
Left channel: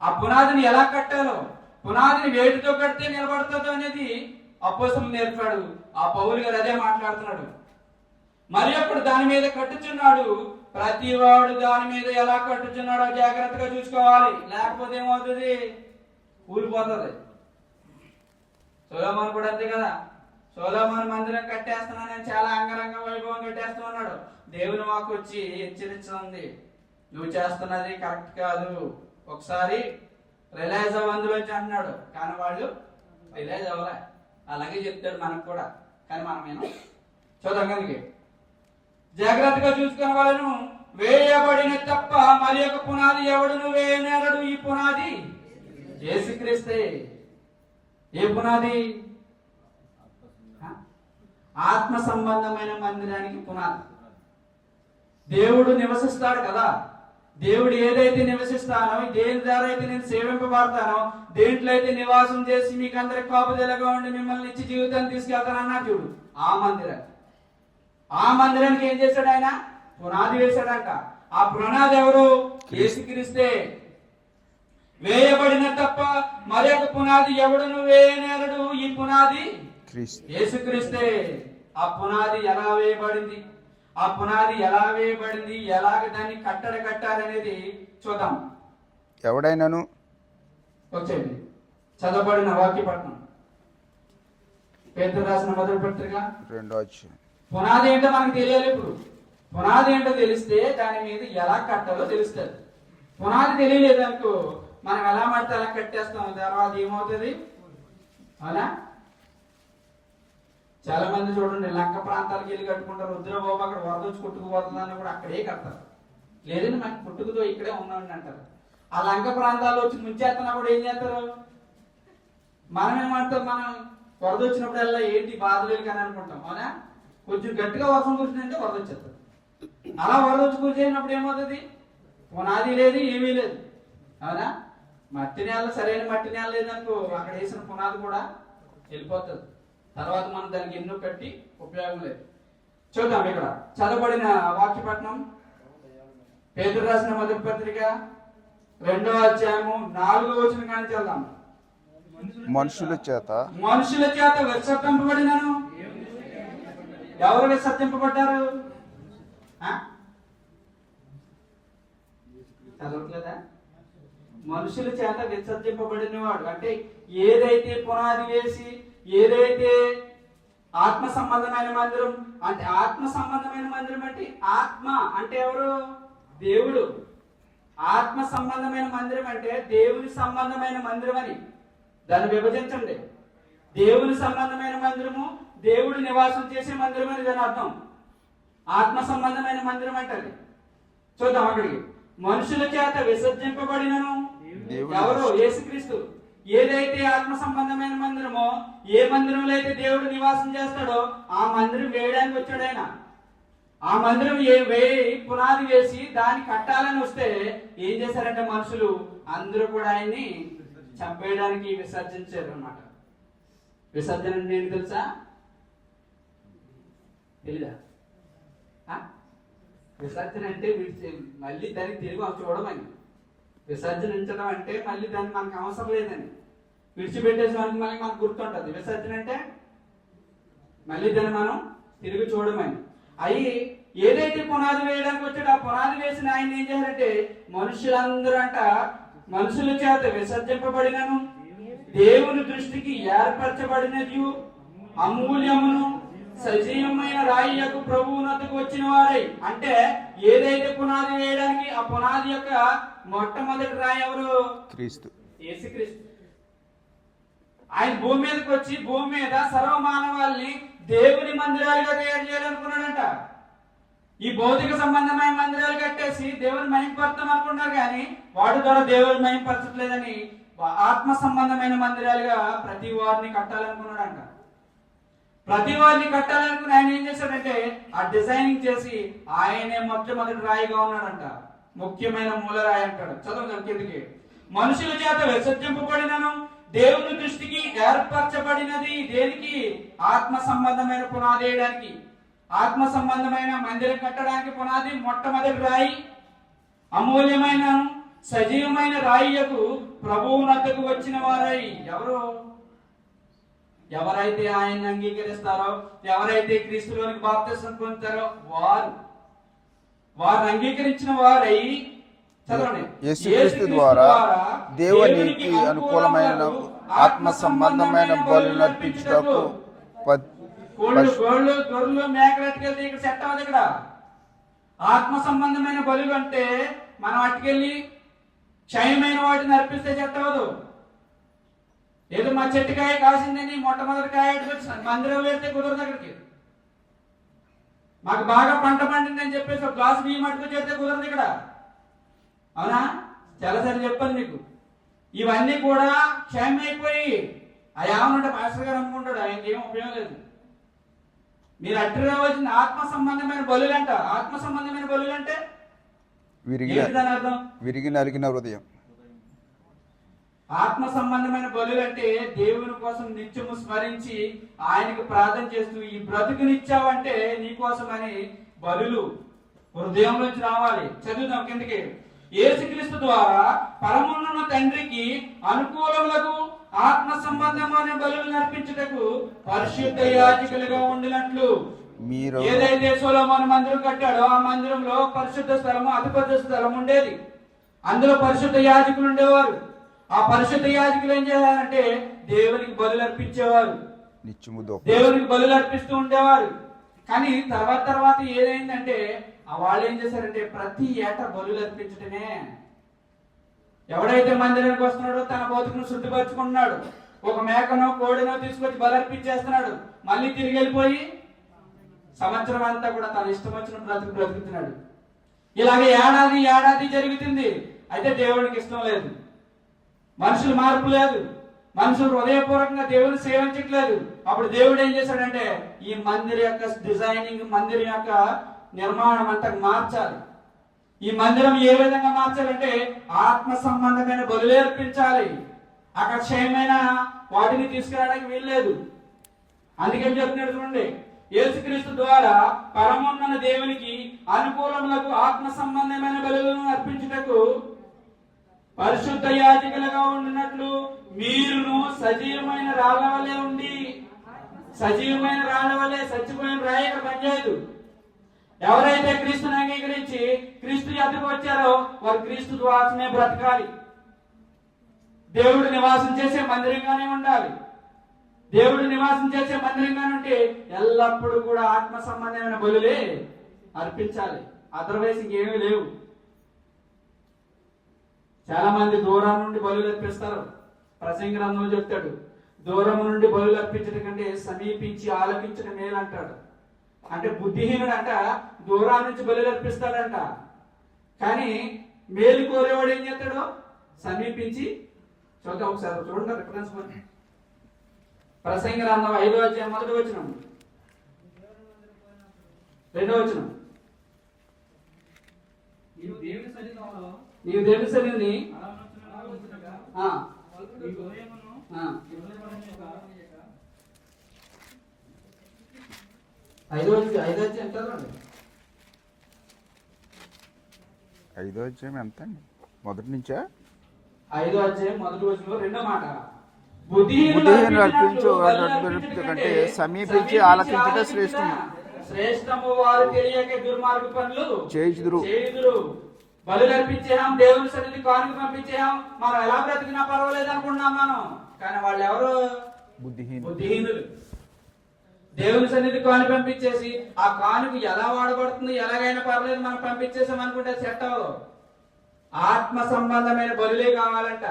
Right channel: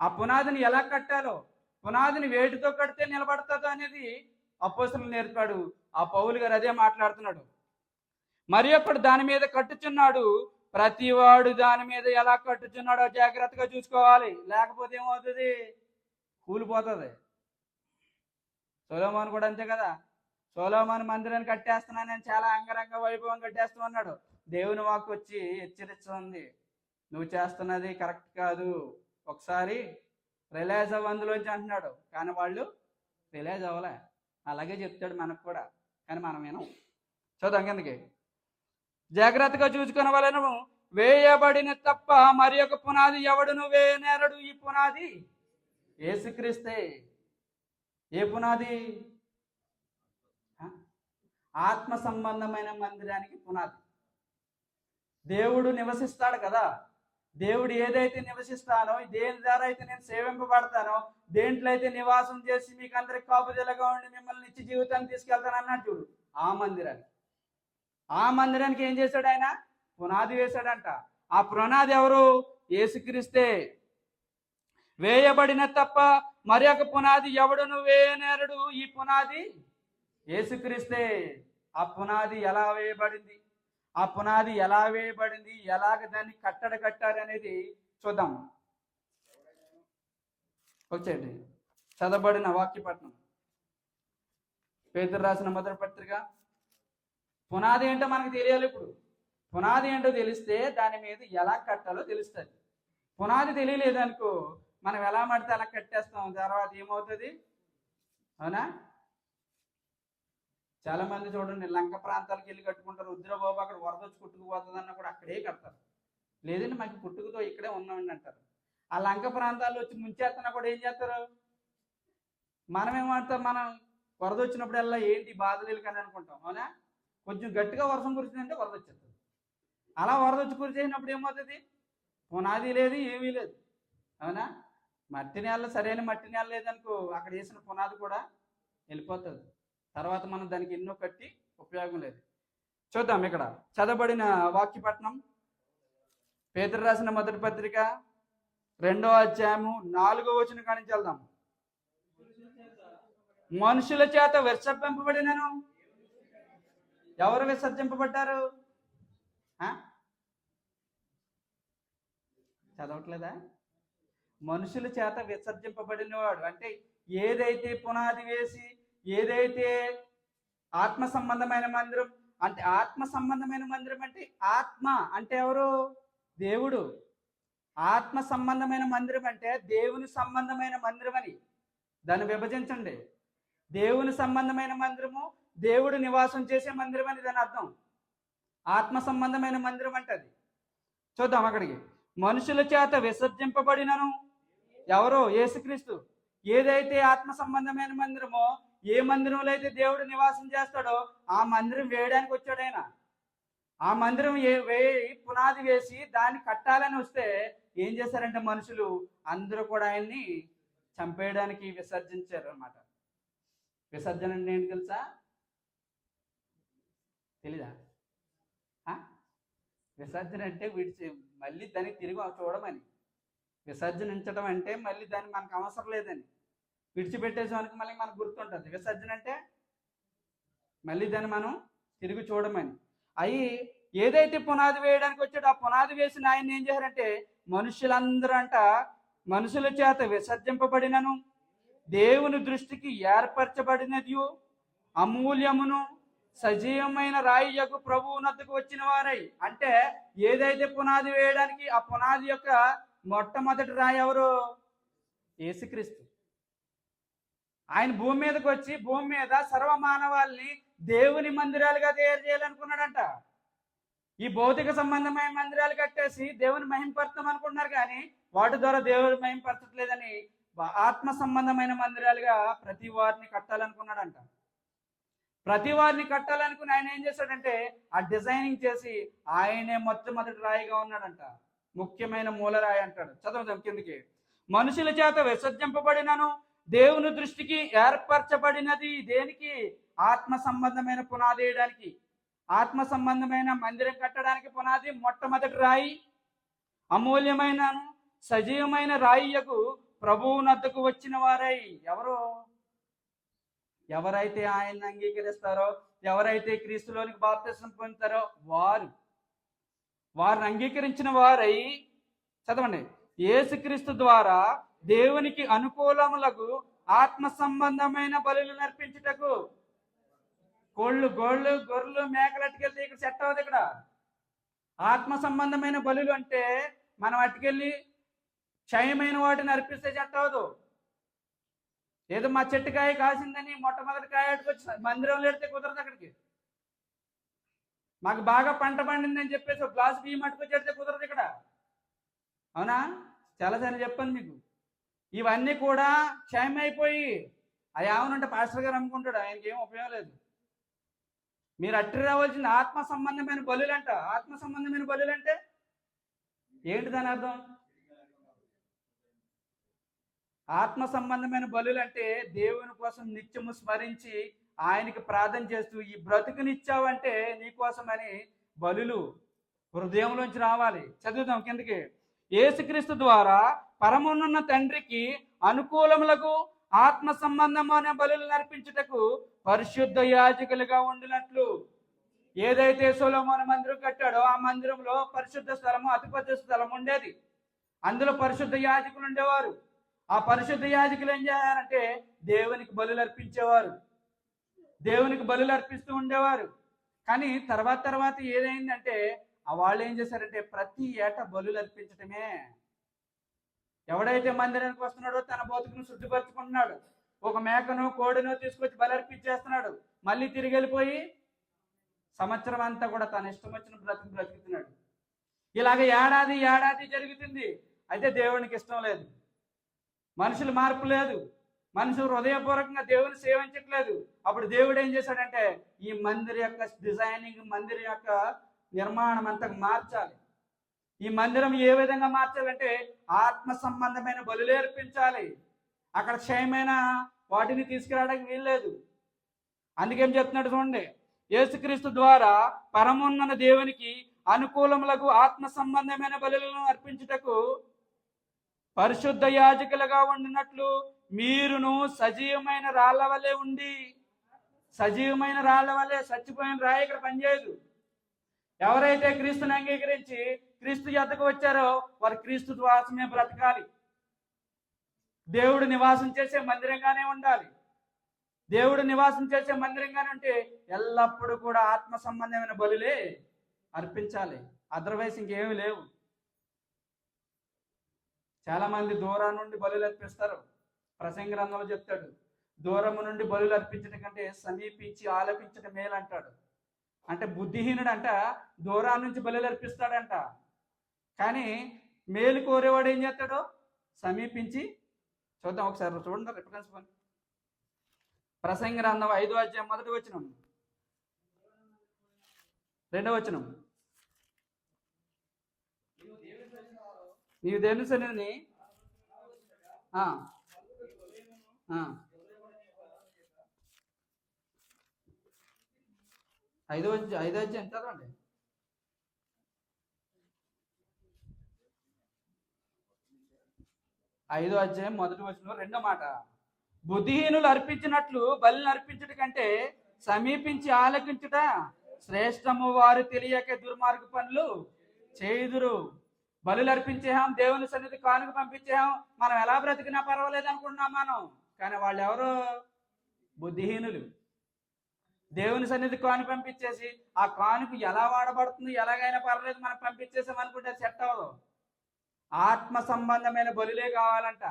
ఆ పునాదిని ఎలా కట్టాలో, పునాదిని వేటితో కడితే నిలబడుతుందో అనేది అపోస్తలు నేర్పాడు. ఆ పౌలు గారు అదే మాట్లాడుతున్నాడు. మరి అప్పుడు దాని మీద కట్టుచున్నాడు. ప్రతివాడు దాని మీద ఎలా కట్టుచున్నాడో జాగ్రత్తగా చూసుకోవాలి. లేకపోతే ఏమవుతుంది? కూలిపోతుంది. సొలొమోను కూడా అంతే కదా. సొలొమోను మందిరం కట్టేస్తున్నా, నేను చాలా అంగరంగ వైభవం కట్టేస్తూ ఉన్నాడు. దేవుని వాక్కు వచ్చి హెచ్చరిస్తుంది, నువ్వు చేస్తున్నది కరెక్ట్ కాదు, ఒకసారి రిలైజ్ అవ్వందులోంచి అంటున్నాడు. కానీ వాళ్ళు రిలైజ్ అవ్వలే. అలాగే చెప్తాడు మనకు కూడా, కానీ మనమేమో చూడడానికి జాగ్రత్తగా చూసుకునే వాళ్ళను. వేయబడిన తప్ప మరి యొక్క పునాది ఎవడును వేయనేరడు. ఈ పునాది యేసుక్రీస్తే. ఏ పునాది? ఆత్మ సంబంధమైన మందిరానికి పునాది. దేవుడు నివసిస్తాడు కదా. దేవుడు ఏదైతే నివసిస్తానో, దేని ద్వారా అయితే నేను సేవింపబడతానో, దేంట్లో అయితే నివాసం చేసి మీకు అందరికి కాపుదలగా ఉండి మిమ్మల్ని ఇచ్చి జీవితాన్ని తీసుకెళ్తాను అన్నాడు చూడు, ఆ మందిరానికి. ఆ మందిరానికి ఏం చేశాడు ఆయన? పునాది వేశాడంట. ఆ పునాది ఎవరు? యేసుక్రీస్తే. వేయబడిన తప్ప మరి ఒక పునాది ఎవడును వేయనేరడు. ఈ పునాది యేసుక్రీస్తే. ఆ పునాది ఎలా వేయబడింది, ఆ పునాది ఎలా వేయబడింది, ఎలాగ దాన్ని కట్టారనేది చూద్దాం. ఎవడైనాను వచ్చేది చదవబడిన వాక్యపట్నం పేతురు రాసిన మొదటి పత్రిక 2వ అధ్యాయం. పునాది ఏంటో మనకు తెలియాలి. ఇప్పుడు పునాది ఏంటో తెలిస్తే దాని మీద ఎలా కట్టాలో తెలుస్తుంది. పునాది తెలియలేదు అనుకో, మనం ఎలా పడితే అలా కట్టేస్తాం, తర్వాత ఏమవుతుంది? అవునా? చాలా మంది చూడండి, లంక ప్రాంతాలకు వెళ్ళి కట్టుకుంటారు. రుద్రబాబు అక్కడ వరద వచ్చి కొట్టుకుపోతుంది అన్నప్పుడు అక్కడే కడతారు. లేదండి మనకి పుట్టుకుతో ఇక్కడే ఉన్నాండి అంటారు. ఆ లంక ప్రాంతాల్లో వచ్చి ముంచేస్తున్నప్పుడు ఏం చేస్తారు? మనం ఏమంటాం? మనం వరద వచ్చినప్పుడల్లా ఏంటి బాధలేదు కానీ అనుకుంటాం. అవునా? కొంచెం గట్టిగా వర్షం కురిసిందంటే వరద వచ్చేస్తుంది. అలా వరద వచ్చి కురిసేసినప్పుడు ఏమవుతుంది? పునాది లేదు, ఏమీ లేదు. అవునా? మట్టి నేల, సరైన మట్టి నేల లేదనుకో, అక్కడ వేసిన పునాది కూడా వెళ్ళిపోతుంది. తర్వాత మనం దానికి ఎన్నో కట్టి ఉపయోగం లేదు. చూద్దాం ఇక్కడ చదవబడిన వాక్యపట్నం పేతురు రాసిన మొదటి పత్రిక 2వ అధ్యాయము 4వ వచనం కానీ చదువుదాం. మనుషుల చేత విసర్జింపబడినను. ఎవరు విసర్జింపబడ్డారు? చదవట్లేదా? మనుషుల చేత విసర్జింపబడిన వాడు అంటే ఏదైతే పునాది వేసి, ఏదైతే ఆత్మ సంబంధమైన మందిరం అంటే, ఆత్మ సంబంధమైన మందిరం అంటే ఆత్మ అంటే ఎవరు? దేవుడు. ఆత్మ సంబంధమైన మందిరం అంటే దేవుని సంబంధమైన మందిరం అని దాన్ని విభజించండి. దేవుని సంబంధమైన మందిరము, దేవుడు నివాసం చేసే మందిరం అని దాని అర్థం. ఆత్మ సంబంధమైన మందిరం అంటే అది. చూద్దాం అక్కడికి. మనుషుల చేత విసర్జింపబడినను. ఎవరు? యేసుక్రీస్తు. ఏదైతే ఆత్మ సంబంధమైన మందిరమో, ఏ మందిరంలో అయితే దేవుడు నివాసం చేస్తాడో ఆ మందిరం వేయడానికి వచ్చాడు ఆయన. ఆ మందిరం పునాది వేసి దాన్ని కట్టాలని వస్తే ఏం చేశారంటే మనుషులు అందరూ కూడా ఆయన్ని చంపేయడానికి విసర్జించారు అన్నమాట. విసర్జన అంటే ఏంటి తెలుసా? తెలీదా? విసర్జన అంటే మళ్ళీ దానికి తిరిగి చూడమని. విసర్జనించడం అంటే మళ్ళీ దాన్ని మనకు అవసరం లేదని విడిచిపెట్టేసానికి మళ్ళీ మనకు గుర్తుంటుంది. విసర్జన అంటే మళ్ళీ దాన్ని మనం తిరిగి చూడమని. అవి ఏదైతే పునాది వేయడానికి వచ్చాడో ఆ పునాది వేసిన ఆయన ఏం చేయాలంటే మనుషులందరూ అంట మనుషుల చేత విసర్జింపబడినను, దేవుని దృష్టికి ఏర్పరచబడినది, అమూల్యమును సజీవమైన రాయి యొక్క ప్రభువునకు వచ్చిన వారై. అంటే ఏదైతే పునాది వేయడానికి ఆ పునాది యొక్క మొట్టమొదటి రాయి ఎవరు? క్రీస్తు, యేసుక్రీస్తు. ఆయన భూమి మీదకి వచ్చి భూమి మీద సర్వ మానవాల్ని దేవుని మందిరాలుగా తయారు చేయాలనుకున్నాడంట. ఈ భౌతిక సంబంధమైన మందిరాలు కట్టేసి దేవుని మహింపడతాం అనుకున్నారు, కానీ వాటి ద్వారా దేవుని మహింపరచట్లేదని ఆత్మ సంబంధమైన మందిరాలుగా ప్రతి వారిని కట్టాలనుకున్నాడంట. ప్రతి వారిని కట్టాలనుకుని ఆయన ఏం చేశాడంటే ఆ డిజైనింగ్ చేసి ఆయనే మొట్టమొదటి రాయిగా ఉన్నాడంట. ముఖ్యమైన మూలరాయి అంటాడు. చదవండి కిందికి. మనుషుల చేత విసర్జింపబడినను దేవుని దృష్టికి ఏర్పరచబడినది దేనికి? ఆత్మ సంబంధమైన పునాది వేయడానికి, ఆత్మ సంబంధమైన మందిరం కట్టడానికి పునాది మొట్టమొదటి రాయి. అమూల్యమైన సజీవమైన రాయియకు ప్రభువు నద్దకు వచ్చిన వారై ఎవరు? ఎవరైతే ఆయన్ని అంగీకరిస్తారో, ఎవరైతే క్రీస్తులోనికి బాప్తిసం పొందుతారో వారు అంగీకరించిన వారై, చదవండి, యేసుక్రీస్తు ద్వారా దేవునికి అనుకూలమైన ఆత్మ సంబంధమైన బలులను అర్పించుటకు గొర్రెలు మేకలెట్టుకెళ్తే ఇక్కడ సెట్ అవ్వదు. ఇక్కడ ఆత్మ సంబంధమైన బలులు అంటే మనం అట్టుకెళ్ళి క్షయమైన వాటిని అర్పిస్తే సెట్ అవ్వదు. ఏదో మా చెట్టుకాయ కాసిందని మొట్టమొదటి కాయ మందిరం వెళ్తే కుదరదు. అక్కడికి మాకు బాగా పంట పండిందని చెప్పేసి ఒక గ్లాసు బియ్యం మట్టుకు చేస్తే కుదరదు ఇక్కడ. అవునా? చాలాసార్లు చెప్పాను మీకు. ఇవన్నీ కూడా క్షయమైపోయి ఏమన్నంటే మాస్టర్ గారు అనుకుంటాడు, ఆయనకి ఏం ఉపయోగం లేదు. మీరు అట్టి రావాల్సిన ఆత్మ సంబంధమైన బలులంట. ఆత్మ సంబంధమైన బలులంటే విరిగి నలిగిన హృదయం. ఆత్మ సంబంధమైన బలులంటే దేవుని కోసం నిత్యము స్మరించి ఆయనకు ప్రార్థన చేస్తూ ఈ బ్రతుకునిచ్చావంటే నీకోసమని బలులు హృదయం నుంచి రావాలి. చదువుదాం కిందకి. యేసుక్రీస్తు ద్వారా పరమున్న తండ్రికి అనుకూలములకు ఆత్మ సంబంధమైన బలులు నర్పించుటకు పరిశుద్ధ యాజకులుగా ఉండినట్లు ఏదైతే సొలొమోను మందిరం కట్టాడో ఆ మందిరంలో పరిశుద్ధ స్థలము, అతిపెద్ద స్థలం ఉండేది. అందులో పరిశుద్ధ యాజకులు ఉండేవారు. ఆ పరిశుద్ధ యాజకులు ఏం చేయాలంటే దేవునికి బలులు అర్పించేవారు, దేవునికి బలులు అర్పిస్తూ ఉండేవారు. కానీ తర్వాత ఏదైందంటే వాళ్ళు ఏం చేశారంటే ప్రతి ఏటా బలులు అర్పించటమే. ఎవడైతే మందిరానికి వస్తున్నాడో తన బతుకును శుద్ధిపరచుకుంటున్నాడు. ఒక మేకనో కోడినో తీసుకొచ్చి బలి అర్పించేస్తున్నాడు. మళ్ళీ తిరిగి వెళ్ళిపోయి సంవత్సరం అంతా కూడా తన ఇష్టం వచ్చిన బ్రతుకుతున్నాడు. ఇలాగ ఏడాది జరుగుతుంది. అయితే దేవునికి ఇష్టం లేదు, మనుషులు మార్పు లేదు, మనుషులు హృదయపూర్వకంగా దేవుని సేవించట్లేదు. అప్పుడు దేవుడు ఏం చేశాడంటే ఈ మందిరం యొక్క డిజైనింగ్, మందిరం యొక్క నిర్మాణం అంతా మార్చాలి. ఈ మందిరం ఏ విధంగా మార్చాలంటే ఆత్మ సంబంధమైన బలులు అర్పించాలి. అక్కడ క్షయమైన వాటిని తీసుకురావడానికి వీల్లేదు. అందుకని చెప్తున్నాడు చూడండి, యేసుక్రీస్తు ద్వారా పరమున్న దేవునికి అనుకూలములకు ఆత్మ సంబంధమైన బలులను అర్పించుటకు పరిశుద్ధ యాజకులుగా ఉండినట్లు మీరును సజీవమైన రాళ్ళ వలె ఉండి, సజీవమైన రాళ్ళ వలె, చచ్చిపోయిన రాయి ఇక్కడ పనిచేయదు. ఎవరైతే క్రీస్తుని అంగీకరించి క్రీస్తు యొద్దకు వచ్చారో వారు క్రీస్తు ద్వారానే బ్రతకాలి. దేవుడు నివాసం చేసే మందిరంగానే ఉండాలి. దేవుడు నివాసం చేసే మందిరంగానే ఉంటే ఎల్లప్పుడూ కూడా ఆత్మ సంబంధమైన బలులే అర్పించాలి. అదర్వైజ్ ఇంకేమీ లేవు. చాలా మంది దూరం నుండి బలులు అర్పిస్తారు. ప్రసంగ గ్రంథంలో చెప్తాడు, దూరం నుండి బలులు అర్పించడం కంటే సమీపించి ఆలపించడం మేలు అంటాడు. అంటే బుద్ధిహీనుడు అంట దూరం నుంచి బలులు అర్పిస్తాడంట. కానీ మేలు కోరేవాడు ఏం చేస్తాడు? సమీపించి. చూద్దాం ఒకసారి, చూడండి రిఫరెన్స్. ప్రసంగ గ్రంథం 5వ అధ్యాయం 1వ వచనం, 2వ వచనం. నీవు దేవుని సన్నిధిని 5వ అధ్యాయం ఎంత అండి? మొదటి నుంచా? 5వ అధ్యాయం 1వ వచనంలో 2వ మాట, సమీపించి ఆలకించుట శ్రేష్టము, వారు తెలియక దుర్మార్గ పనులు చేయుదురు. బలులు అర్పించాం, దేవుని సన్నిధి కానుక పంపించాం, మనం ఎలా బ్రతికినా పర్వాలేదు అనుకున్నాం మనం. కానీ వాళ్ళు ఎవరు? బుద్ధిహీనులు. దేవుని సన్నిధి కానుక పంపించేసి ఆ కానుక ఎలా వాడబడుతుంది, ఎలాగైనా పర్లేదు మనం పంపించేసాం అనుకుంటే సెట్ అవ్వదు. ఆత్మ సంబంధమైన బలులే కావాలంట.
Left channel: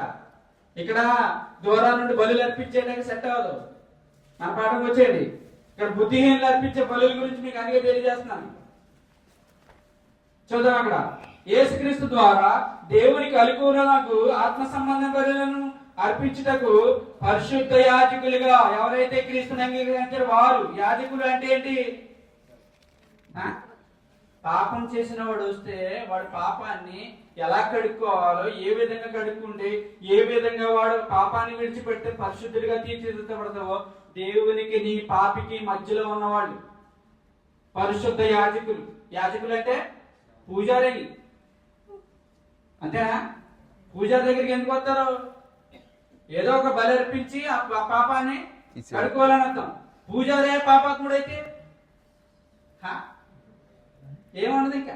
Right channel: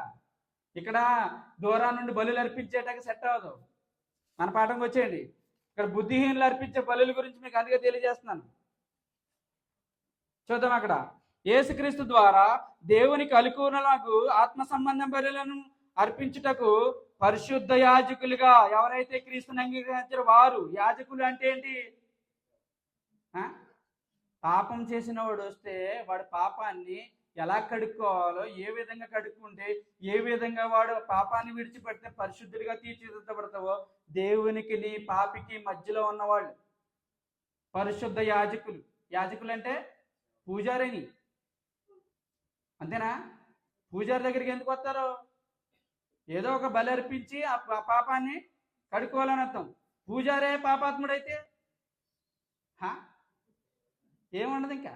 ఇక్కడ దూరం నుండి బలులు అర్పించేయడానికి సెట్ అవ్వదు. మన పాఠం వచ్చేది ఇక్కడ బుద్ధిహీనులు అర్పించే బలుల గురించి మీకు అందుకే తెలియజేస్తున్నాను. చూద్దాం. అక్కడ యేసుక్రీస్తు ద్వారా దేవునికి అనుకూలముకు ఆత్మ సంబంధ బలులను అర్పించుటకు పరిశుద్ధ యాజకులుగా ఎవరైతే క్రీస్తుని అంగీకరించారో వారు. యాజకులు అంటే ఏంటి? పాపం చేసిన వాడు వస్తే వాడు పాపాన్ని ఎలా కడుక్కోవాలో, ఏ విధంగా కడుక్కుంటే ఏ విధంగా వాడు పాపాన్ని విడిచిపెడితే పరిశుద్ధుడిగా తీర్చిదిద్దబడతావో దేవునికి నీ పాపికి మధ్యలో ఉన్నవాళ్ళు పరిశుద్ధ యాజకులు. యాజకులు అంటే పూజారి, అంతేనా? పూజారి దగ్గరికి ఎందుకు వస్తారు? ఏదో ఒక బలి అర్పించి ఆ పాపాన్ని కడుక్కోవాలని అర్థం. పూజారే పాపాత్ముడైతే ఏమన్నది? ఇంకా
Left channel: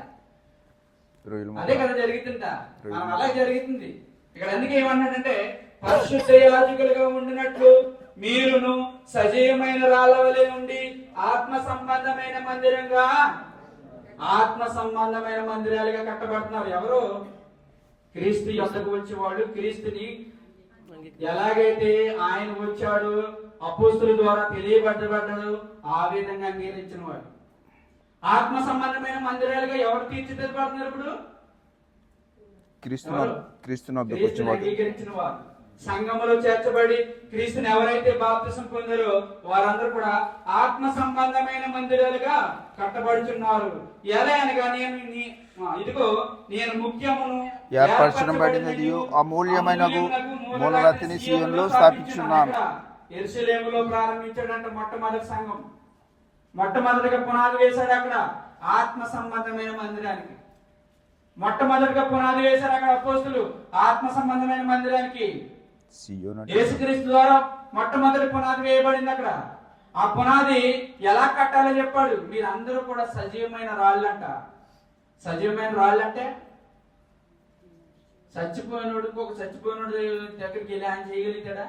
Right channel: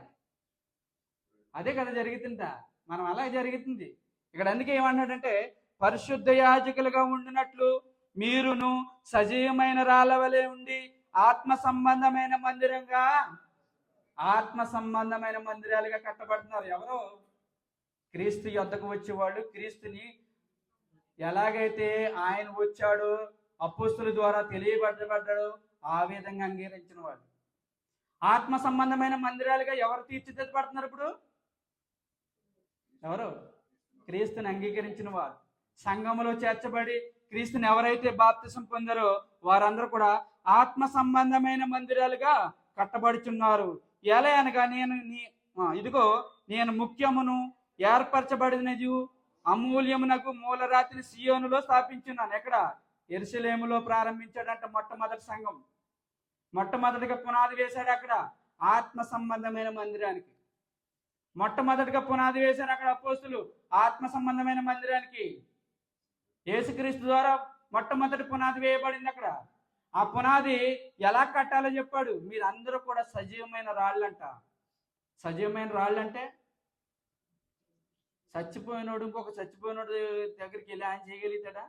అదే కదా జరుగుతుందా? మనం అలా జరుగుతుంది. ఇక్కడ అందుకే ఏమన్నాడంటే పరిశుద్ధ యాజకులుగా ఉండినట్లు మీరును సజీవమైన రాళ్ళవలే ఉండి ఆత్మ సంబంధమైన మందిరాలుగా కట్టబడుతున్నారు. ఎవరు? క్రీస్తు యొద్దకు వచ్చేవాళ్ళు. క్రీస్తుని ఎలాగైతే ఆయన వచ్చాడు, అపోస్తుల ద్వారా తెలియబడ్డాడు, ఆ విధంగా అంగీకరించిన వాడు. ఆత్మ సంబంధమైన మందిరాలుగా ఎవరు తీర్చిదిద్దబడుతున్నారు? ఇప్పుడు క్రీస్తుని అంగీకరించిన వారు, సంఘములో చేర్చబడి క్రీస్తుని ఎవరైతే బాప్తిసం పొందారో వారందరూ కూడా ఆత్మ సంబంధమైన మందిరాలుగా కట్టబడుచున్నారు. ఎలా అనగా ఇదిగో నేను ముఖ్యమును ఏర్పరచబడినదియు అమూల్యమైనది మూలరాతిని సీయోనులో స్థాపించున్నాను. యెరూషలేములో ప్రారంభించాడంట మొట్టమొదటి సంఘం. మొట్టమొదటిగా పునాది వేశాడు అక్కడ ఆత్మ సంబంధమైన మందిరానికి. మొట్టమొదటిగా పునాది వేశారు అక్కడ అపోస్తులు ఆత్మ సంబంధమైన మందిరానికి. యేసుక్రీస్తు ద్వారా మొట్టమొదటి పునాది వేయబడింది అక్కడ. ఆ పునాది ఎలా కట్టాలో చెప్పాడు. మీరందరూ కూడా సజీవమైన రాళ్ళంట. సజీవమైన రాళ్ళంటే చచ్చిపోయినోడు దగ్గరికి వెళ్ళి ఆయన చేయగలుగుతాడా?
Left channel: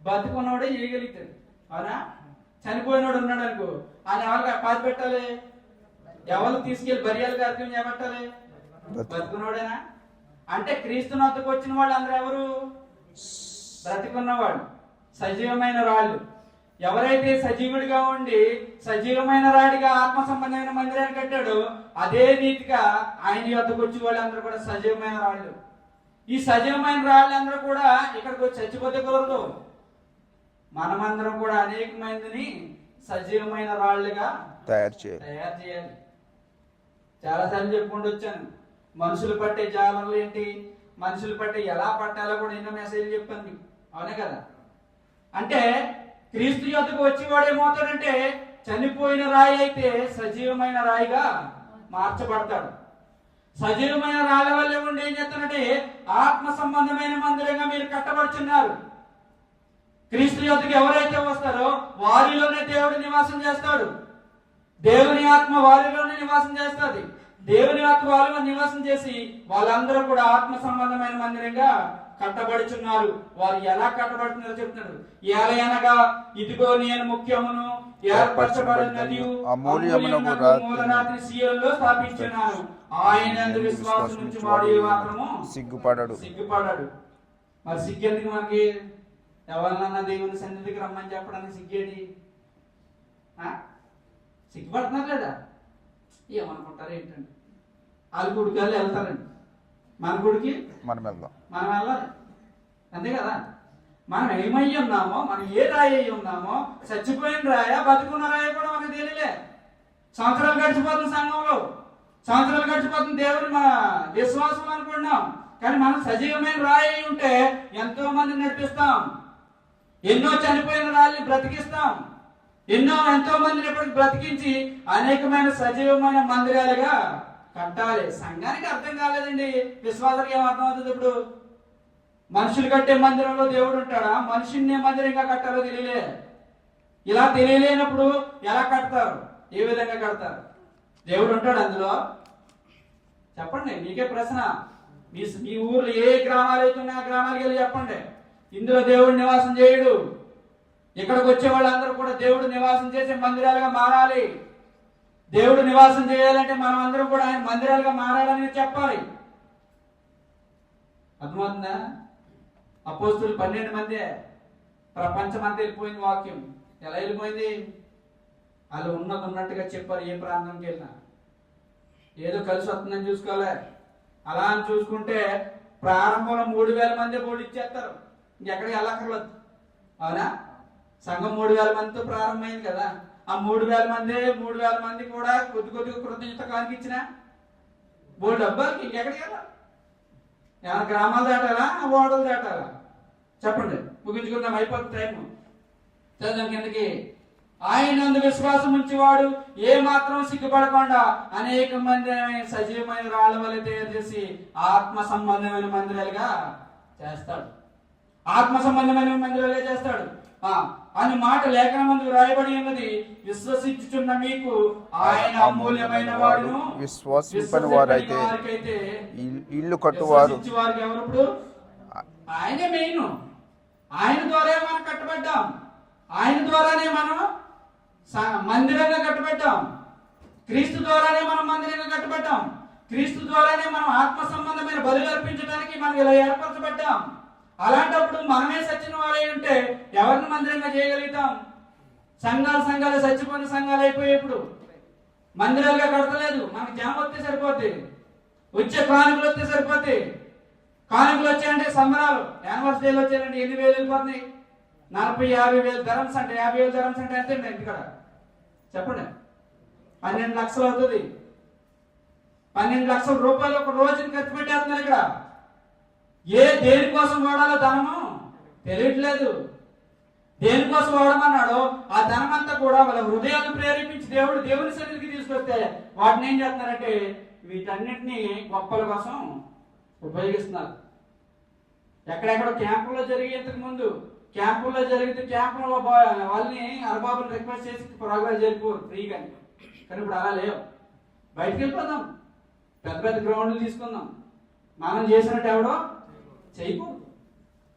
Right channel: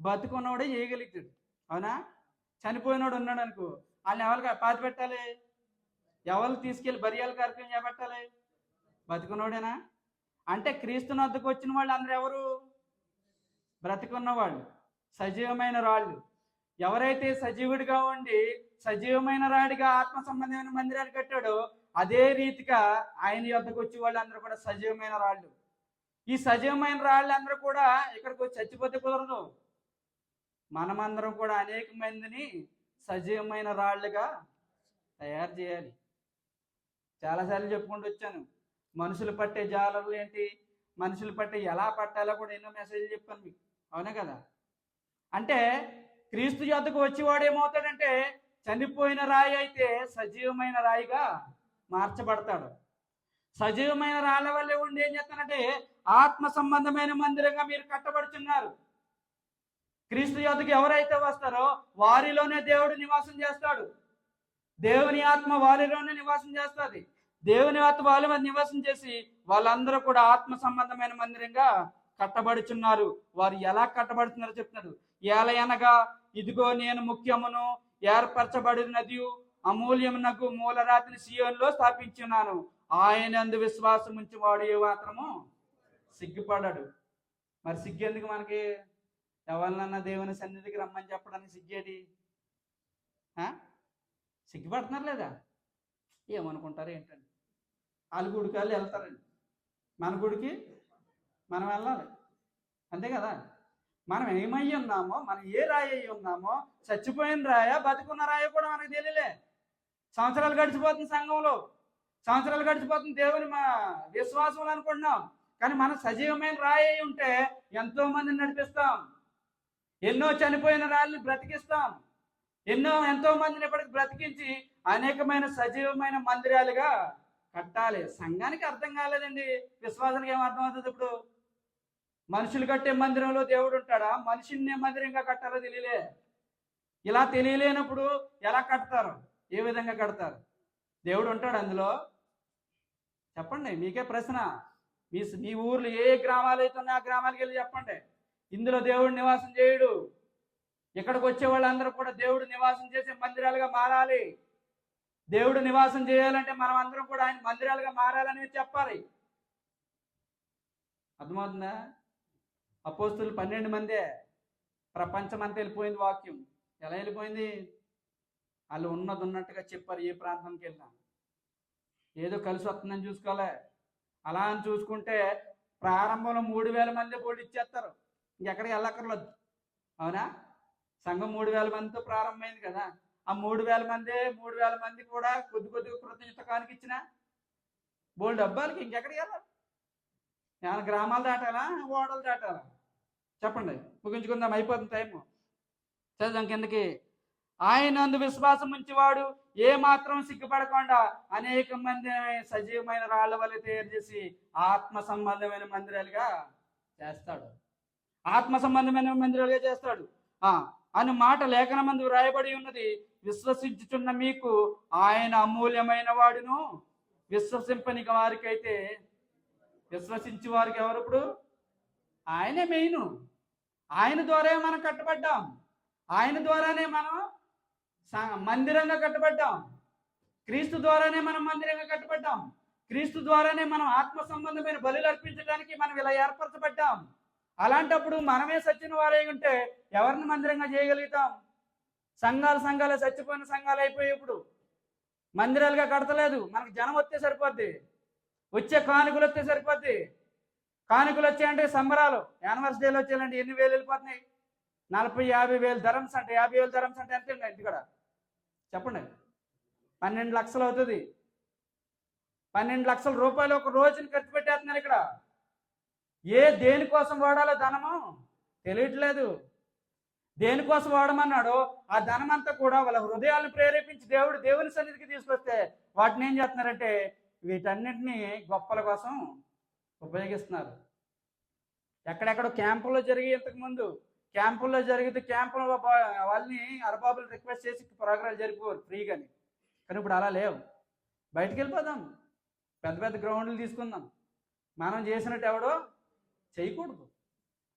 బతుకున్నోడే చేయగలుగుతాడు. అవునా? చనిపోయినోడు ఉన్నాడు అనుకో, ఆయన ఎవరికి పాతి పెట్టాలి? ఎవరు తీసుకెళ్లి బర్యాల కార్యక్రమం చేపట్టాలి? బతుకున్నోడేనా? అంటే క్రీస్తుని వద్దకు వచ్చిన వాళ్ళు అందరూ ఎవరు? బ్రతికున్నవాళ్ళు, సజీవమైన రాళ్ళు. ఎవరైతే సజీవుడిగా ఉండి సజీవమైన రాడిగా ఆత్మ సంబంధమైన మందిరాన్ని కట్టాడో అదే రీతిగా ఆయన వద్దకు వచ్చే వాళ్ళందరూ కూడా సజీవమైన రాళ్ళు. ఈ సజీవమైన రాళ్ళందరూ కూడా ఇక్కడికి వచ్చి చచ్చిపోతకూడదు. మనమందరం కూడా అనేక మందిని సజీవమైన రాళ్ళుగా తయారు చేయాలి. చాలాసార్లు చెప్పుకుంటూ వచ్చాను. మనుషులు పట్టే జాలలు ఏంటి, మనుషులు పట్టే ఎలా పట్టాలో కూడా ఎన్నో మెసేజ్లు చెప్పాను మీకు. అవునే కదా? అంటే క్రీస్తు యొద్దకు వచ్చేవాడు ఏమవుతాడంటే చనిపోయిన రాయి అయితే సజీవమైన రాయిగా మార్చబడతాడు. సజీవమైన రాళ్ళ వల్లే ఉండి ఏం చేస్తానంటే ఆత్మ సంబంధమైన మందిరంగా మీరు కట్టబడుచున్నారు. క్రీస్తు యొద్దకు ఎవరైతే వస్తారో వారిలోనే దేవుడు నివాసం చేస్తాడు. దేవుని ఆత్మ వారిలోనే నివాసం చేస్తుంది. దేవుని ఆత్మ వాళ్ళ నివాసం చేసి వాళ్ళందరూ కూడా ఆత్మ సంబంధమైన మందిరంగా కట్టబడుచున్నారు. వారు ఎలా కట్టబడుతున్నారో చెప్తున్నాడు. ఏలయనగా ఇదిగో నేను ముఖ్యమును ఏర్పరచబడినది మూలరాతిని సీయోనులో స్థాపించున్నాను. ఆయన విశ్వాసం నుంచి వాడు మాత్రము సిగ్గుపడాడు. మరి సిగ్గెందుకు మనకి? ఎవరినన్నా దేవుని సన్నిధికి రమ్మని చెప్పడానికి సిగ్గేది? సిగ్గుపడుతున్నారు లేదా? ఏమనుకుంటారు ఏంటండి? వాళ్ళ గుడికి వాళ్ళు వెళ్తారండి, మన గుడికి మనం వెళ్ళాలి. అంతే కదా? మనం ఏమై ఉన్నామో, మనం ఏ రాయి అయి ఉన్నామో, చచ్చిపోయిన రాయా బతుకున్న రాయ కూడా మనకు తెలియలే. సంవత్సరాలు గడిచిపోతుంది, సంఘంలో సంవత్సరాలు గడిచిపోతుంది, దేవుని మన విశ్వాసం అనుకుంటున్నాం. కానీ మనం సజీవమైన రాయి అయి ఉంటే ఎంతో మందిని నడిపిస్తాం. ఎన్నో చనిపోయిన రాళ్ళని బ్రతికిస్తాం. ఎంతో మందిని ఎప్పటికి బ్రతికించి అనేకమైన సజీవమైన మందిరాలుగా కట్టాలి. సంఘానికి అర్థం కాలేదండి. విశ్వాసానికి ఏం అర్థం అవుతుంది? ఇప్పుడు మనుషులు కట్టే మందిరంలో దేవుడు ఉంటాడా? మనుషుల్ని మందిరంగా కట్టాలో తెలియలే. ఇలా తెలియలేనప్పుడు ఎలా కడతారు? ఏ విధంగా కడతారు? దేవుడు ఉంటాడు అందులో? చెప్పండి, మీకే ప్రశ్న. మీ ఊర్లో ఏ గ్రామాలు అవుతున్నా ఆ గ్రామాలకు వెళ్ళి చెప్పండి. ఇందులో దేవుడు నివాసం చేయడు. ఇక్కడికి వచ్చే వాళ్ళందరూ కూడా దేవుడు నివాసం చేసే మందిరాలుగా మారాలి. దేవుడు నివాసం చేయాలంటే మనం అందరం కూడా ఆయన మందిరాలుగా మారాలని చెప్పాలి. అర్థమవుతుందా? అపోస్తులు 12 మందే. ప్రపంచం అంతా వెళ్ళిపోయింది వాక్యం. ఎలా వెళ్ళిపోయింది? వాళ్ళు ఉన్నది ఉన్నట్టుగా చెప్పారు. ఏ ప్రాంతంకి వెళ్ళినా ఏదో కలిసి వస్తుందని చూసుకోవాలి. అలా అని చూసుకుంటే ప్రారంభంలో 3000 మంది బోర్డు ఇచ్చేస్తారు. ఇంకెక్కడికి వెళ్ళక్కర్లేదు. అవునా? సంఘం 3000 మందితో ప్రారంభమైంది కదా. ఆ 3000 మంది కూడా కొద్దిగా కృతజ్ఞత కానికి ఇచ్చిన బోర్డు డబ్బాలకి ఇంకెక్కడికి వెళ్ళాలి? ఏమైనా గ్రామాలు దాటాలా, ఓడలు దాటాలా? చెప్పండి, ముగించుకుందాం, అయిపోతుంది టైము. చదువు కిందకి. ఆయన అందు విశ్వాసం ఉంచేవాడు ఏ మాత్రం సిగ్గుపడకుండా అనేక మంది సజీవమైన రాళ్ల వల్ల తయారు చేసి ఆత్మ సంబంధమైన మందిరాలుగా చేస్తాడు. ఆత్మ సంబంధమైన మందిరాలుగా చేస్తాడు అని మాట లేఖనమందు రాయబడి ఉన్నది. విశ్వసించుచున్న మీకు ఆయన అమూల్యమైన వాడును. విశ్వసింపని వారైతే ఇల్లు కట్టువారు. వారికి ఎవరు? ఇప్పుడు ఆయనే మెయిన్. ఆయన ద్వారా మనం కట్టబడ్డాం. ఆయన ద్వారానే మనం మందిరంగా కట్టబడ్డాం. క్రీస్తు ద్వారానే మనం మందిరంగా కట్టబడ్డాం. క్రీస్తు ద్వారానే మనం ఆత్మ సంబంధమైన బలులు అర్పించడానికి మనం ఇలా ఏర్పరచబడ్డాం. అలాంటప్పుడు మనమే సచ్చిన వారై ఉంటే ఎవరిని మందిరంగా చేయగలుగుతాం? సంఘాలు చచ్చిపోయిన సంఘాలు అయిపోయేప్పుడు మందిరాలుగా కడతలేదు. మనకి జనం వస్తే సరిపోతే, వచ్చే కానుకలు వస్తే సరిపోతే. కానుకలు వచ్చాయంటే సంబరాలు. యానివర్సరీలు వచ్చాయంటే ఎన్ని వేలు వెళ్ళిపోతున్నాయి? 40-50 వేలు ధరమ్స్ అంటే 50 వేలు ధరమ్స్ అంటే ఎంత ఇంటికాడ చెప్పండి? 12 లక్షలు అవుతుంది. 12 లక్షల రూపాయలు ఒక రోజుకి ఖర్చు పెట్టేస్తున్నారు ఇక్కడ. దేనికోసం వాడాలో ధనము తెలియట్లేదు. దేనికోసం వాడమన్నాడో ఆ ధనం అంతా కూడా వాళ్ళ హృదయాన్ని ప్రేరేపించి దేవుని సన్నిధికి తీసుకొస్తే వాటిని ఏం చేస్తున్నారంటే వీటన్నిటిని గొప్పల కోసం ఉపయోగిస్తున్నారు. ఎక్కడెక్కడ క్యాంపుల్లో జరిగి ఇంతకు ముందు క్యాంపుల్లో జరిగితే క్యాంపులో వాళ్ళని అరబాబుని రిక్వెస్ట్ చేసి ప్రోగ్రాం జరిగిపోరు ఫ్రీగా. కానీ ఇప్పుడు అలా లేవు. బయటకు వెళ్ళిపోదాం, పెద్ద గ్రౌండ్లు తీసుకుందాం. మనం చేసినట్టు ఎవడో చేయకూడదు.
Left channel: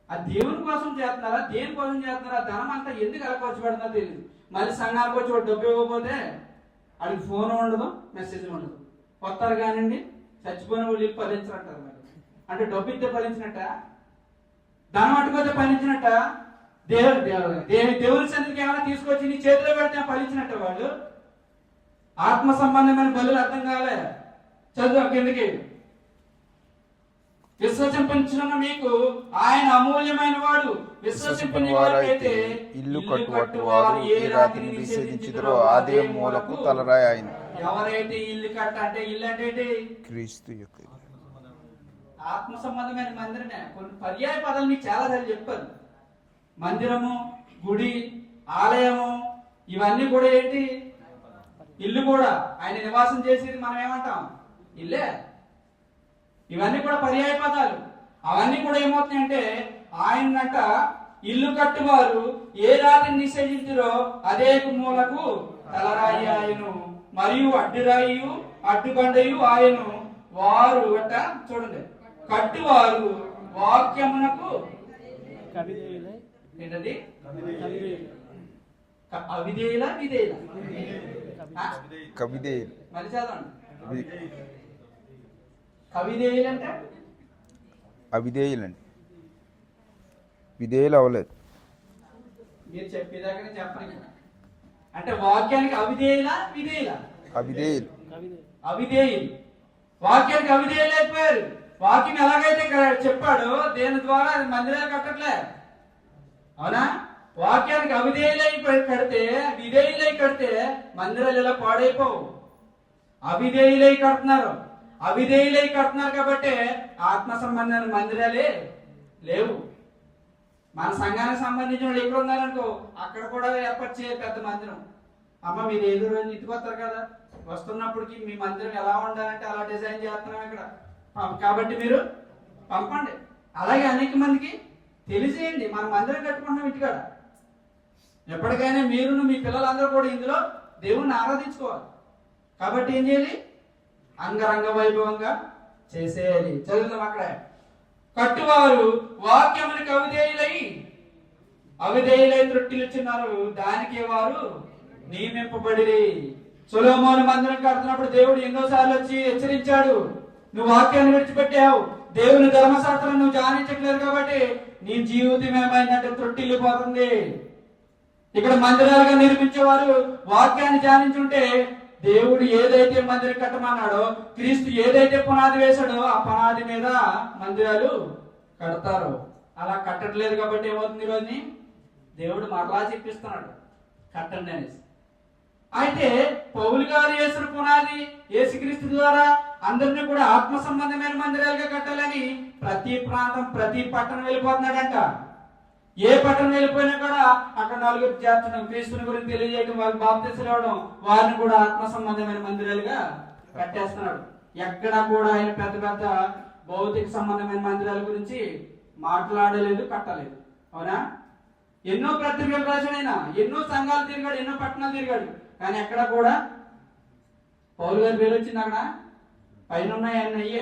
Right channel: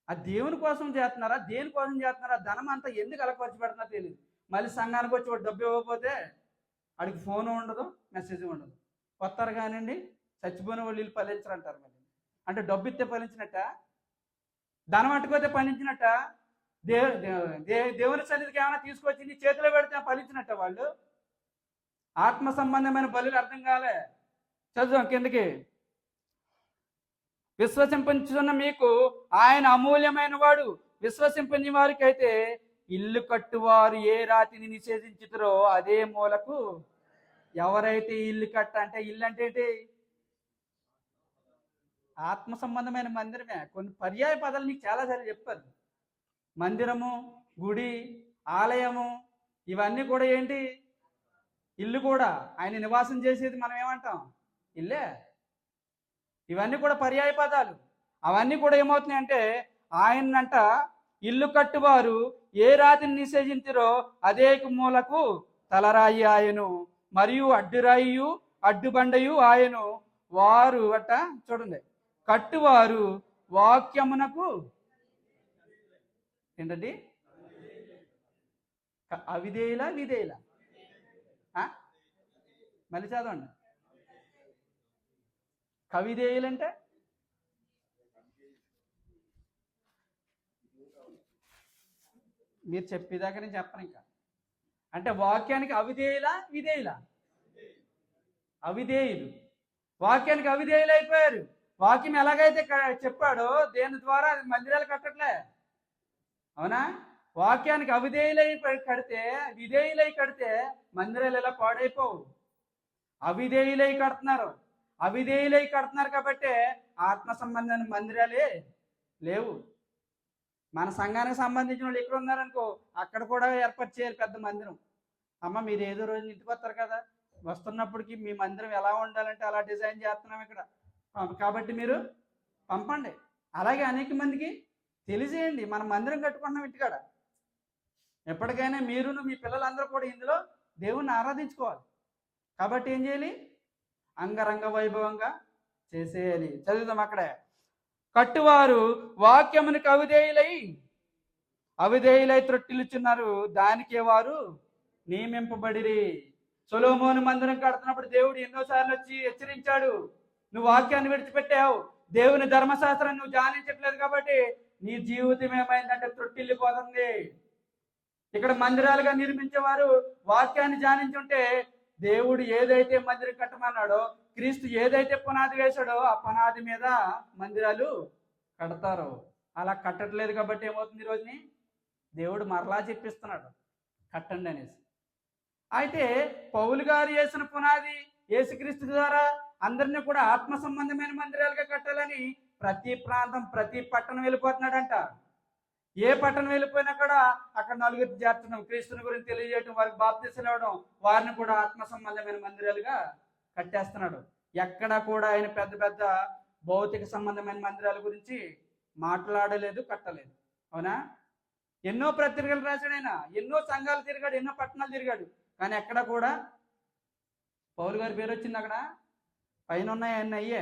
ఆ దేవుని కోసం చేస్తున్నారా, దేనికోసం చేస్తున్నారా? ధనం అంతా ఎందుకు అలా ఖర్చు పెడుతుందో తెలియదు. మళ్ళీ సంఘానికి వచ్చి ఒక డబ్బు ఇవ్వకపోతే వాడికి ఫోన్ ఉండదు, మెసేజ్ ఉండదు. వస్తారు కానివ్వండి, చచ్చిపోయిన వాళ్ళు ఫలించారంటారు. మరి అంటే డబ్బు ఇస్తే ఫలించినట్ట, ధనం అటుకైతే ఫలించినట్ట, దేవుని సన్నిధికి ఏమైనా తీసుకొచ్చి నీ చేతిలో పెడితే ఫలించినట్ట. వాళ్ళు ఆత్మ సంబంధమైన బలులు అర్థం కాలే. చదువు కిందకి. విశ్వసించున్న మీకు ఆయన అమూల్యమైన వాడు. విశ్వసింపని వారికైతే ఇల్లు కట్టువారు ఏ రాతిని నిషేధించుదురో అదే మూలకు తలరాయి ఆయన. ఎవరైతే ఇల్లు కట్ట అంటే ఇల్లు అంటే క్రీస్తు యొక్క ఆత్మ సంబంధమైన మందిరమే. కొన్ని పర్యాయ పదాలు మీకు చాలా సార్లు చెప్పారు. మందిరము, గుడి, ఆలయము ఇవన్నీ కూడా ఏంటి? ఇల్లు కూడా. ఆయన నివాసం చేసేది మనం ఏమంటాం? ఇల్లే. ఇవన్నీ కూడా పర్యాయ పదాలు. అవన్నీ కూడా ఏమవుతున్నాయంటే ఆయనంట ఇల్లు కట్టువారు ఏ రాతిని నిషేధించురో అదే మూలకు తలరాయి ఆయను, మరియు అడ్డురాయి అడ్డుబండయు ఆయను. వారు అట్ట చూడండి, కట్టువారు వాక్యమునకు ఏంటది? అవిధేయుల విధేయుల కవిదేయులు. మరి చదవండి. కవిధేయులంటే అవిధేయులండి, విధేయులు అవ్వలేదు. మీరు చెప్పేదాకా నేను చెప్పను. అంటే వాక్యానికి అవిధేయుల విధేయుల? అవిధేయులు. వాక్యానికి అవిధేయులు అయిపోయారు. వాక్యం ఎలాగైతే చెప్పాడో దేని ద్వారా మందిరాలు కట్టట్లే. అవునా? వాక్యానికి అవిధేయులై కడితే, విధేయులై కడితే మందిరాలు ఎలా పాడైపోవు. అవిధేయులై కడుతున్నారు కాబట్టి ఆత్మ సంబంధమైన మందిరాలే లేవు. మన సంఘానికి సంబంధించిన వాళ్ళు ఎక్కడ ఉన్నారనుకో అక్కడ కూడా ఏర్పాటు చేయాలి పెద్ద మందిరం. అమ్మ మీరు ఏదో రోజు ఇంటికి వస్తారు కదా, వస్తున్నప్పటికి మీ మందిరం ఎలా ఉండాలంటే అలా డిజైన్ చేస్తున్నాం ఇక్కడ, కాబట్టి మీరు పంపండి. అలాగే అనేక మందికి తెలిసేయండి మన మందిరం కట్టుకుంటున్నాం ఇంటికాడ. ఎప్పటికైనా మీరును మీ పిల్లలందరూ కూడా ఇందులో దేవుణ్ణి ఆరాధించుకోవాలి. కాబట్టి ఏం చేయాలి? అంగరంగ వైభవంగా చేసేయాలి. చదువుదాం అక్కడే. కట్టువారు వాక్యములకు అవిధేయులై త్రొట్టిలుచున్నారు, దానికి వారు నియమింపబడిరి. సొలొమోను మందిరం కడుతున్నప్పుడు దేవుడు ఎన్నోసార్లు వచ్చి హెచ్చరించాడు, నువ్వు వాక్యాన్ని విడిచిపెట్టావు, దేవుని ధర్మశాస్త్రం నువ్వు ధ్యానించట్లేదు కాబట్టి నీ జీవితం ఏమైందంటే త్రొట్టిల్లిపోతుంది. ఇక్కడ మందిరాలుగా నిర్మించేవారు వాక్యాన్ని ధ్యానించుంటే దేవుడు ఏదైతే మందిరం కట్టమన్నాడో, క్రీస్తు ఏదైతే పునాది వేశాడో ఆ పునాది మీద మందిరాలు కడతారు. అలా కట్టట్లేదు కాబట్టి ఏమవుతుంది? ఈరోజుని దేవుడు మరలా చెప్పిస్తున్నాడు కట్టండి అనేసి. అయితే పౌలు గారు వేసిన పునాది యేసుక్రీస్తు ద్వారా అందరినీ కూడా ఆత్మ సంబంధమైన మందిరాలుగా కట్టాలని ప్రతి ప్రాంతం ప్రతి పట్టణం వెళ్ళిపోతున్నాడంట. ఏ పట్టణం వెళ్ళిపోయినా కూడా అక్కడ నలుగురు చేర్చడం, క్రీస్తుని గురించి తెలియజేయడం, వారికి బాప్తిస్మం ఇవ్వడం, వారిని కూడా ఆత్మ సంబంధమైన మందిరాలుగా కట్టేస్తున్నాడు. ఎక్కడా కూడా ఆయన పెద్ద పెద్ద భౌతిక సంబంధమైన మందిరాల గురించి మాట్లాడలేదు, కట్టలేదు. అవునా? ఎన్నో పత్రికలు రాశాడైనా, ఎన్నో సంఘాలు తిరిగాడు, ఎన్నో పట్టణాలు తిరిగాడు, కానీ ఎక్కడ కూడా పౌలు గారి పేరు వచ్చింది అక్కడ పైన ఉన్నాయన్నీ అయ్యే.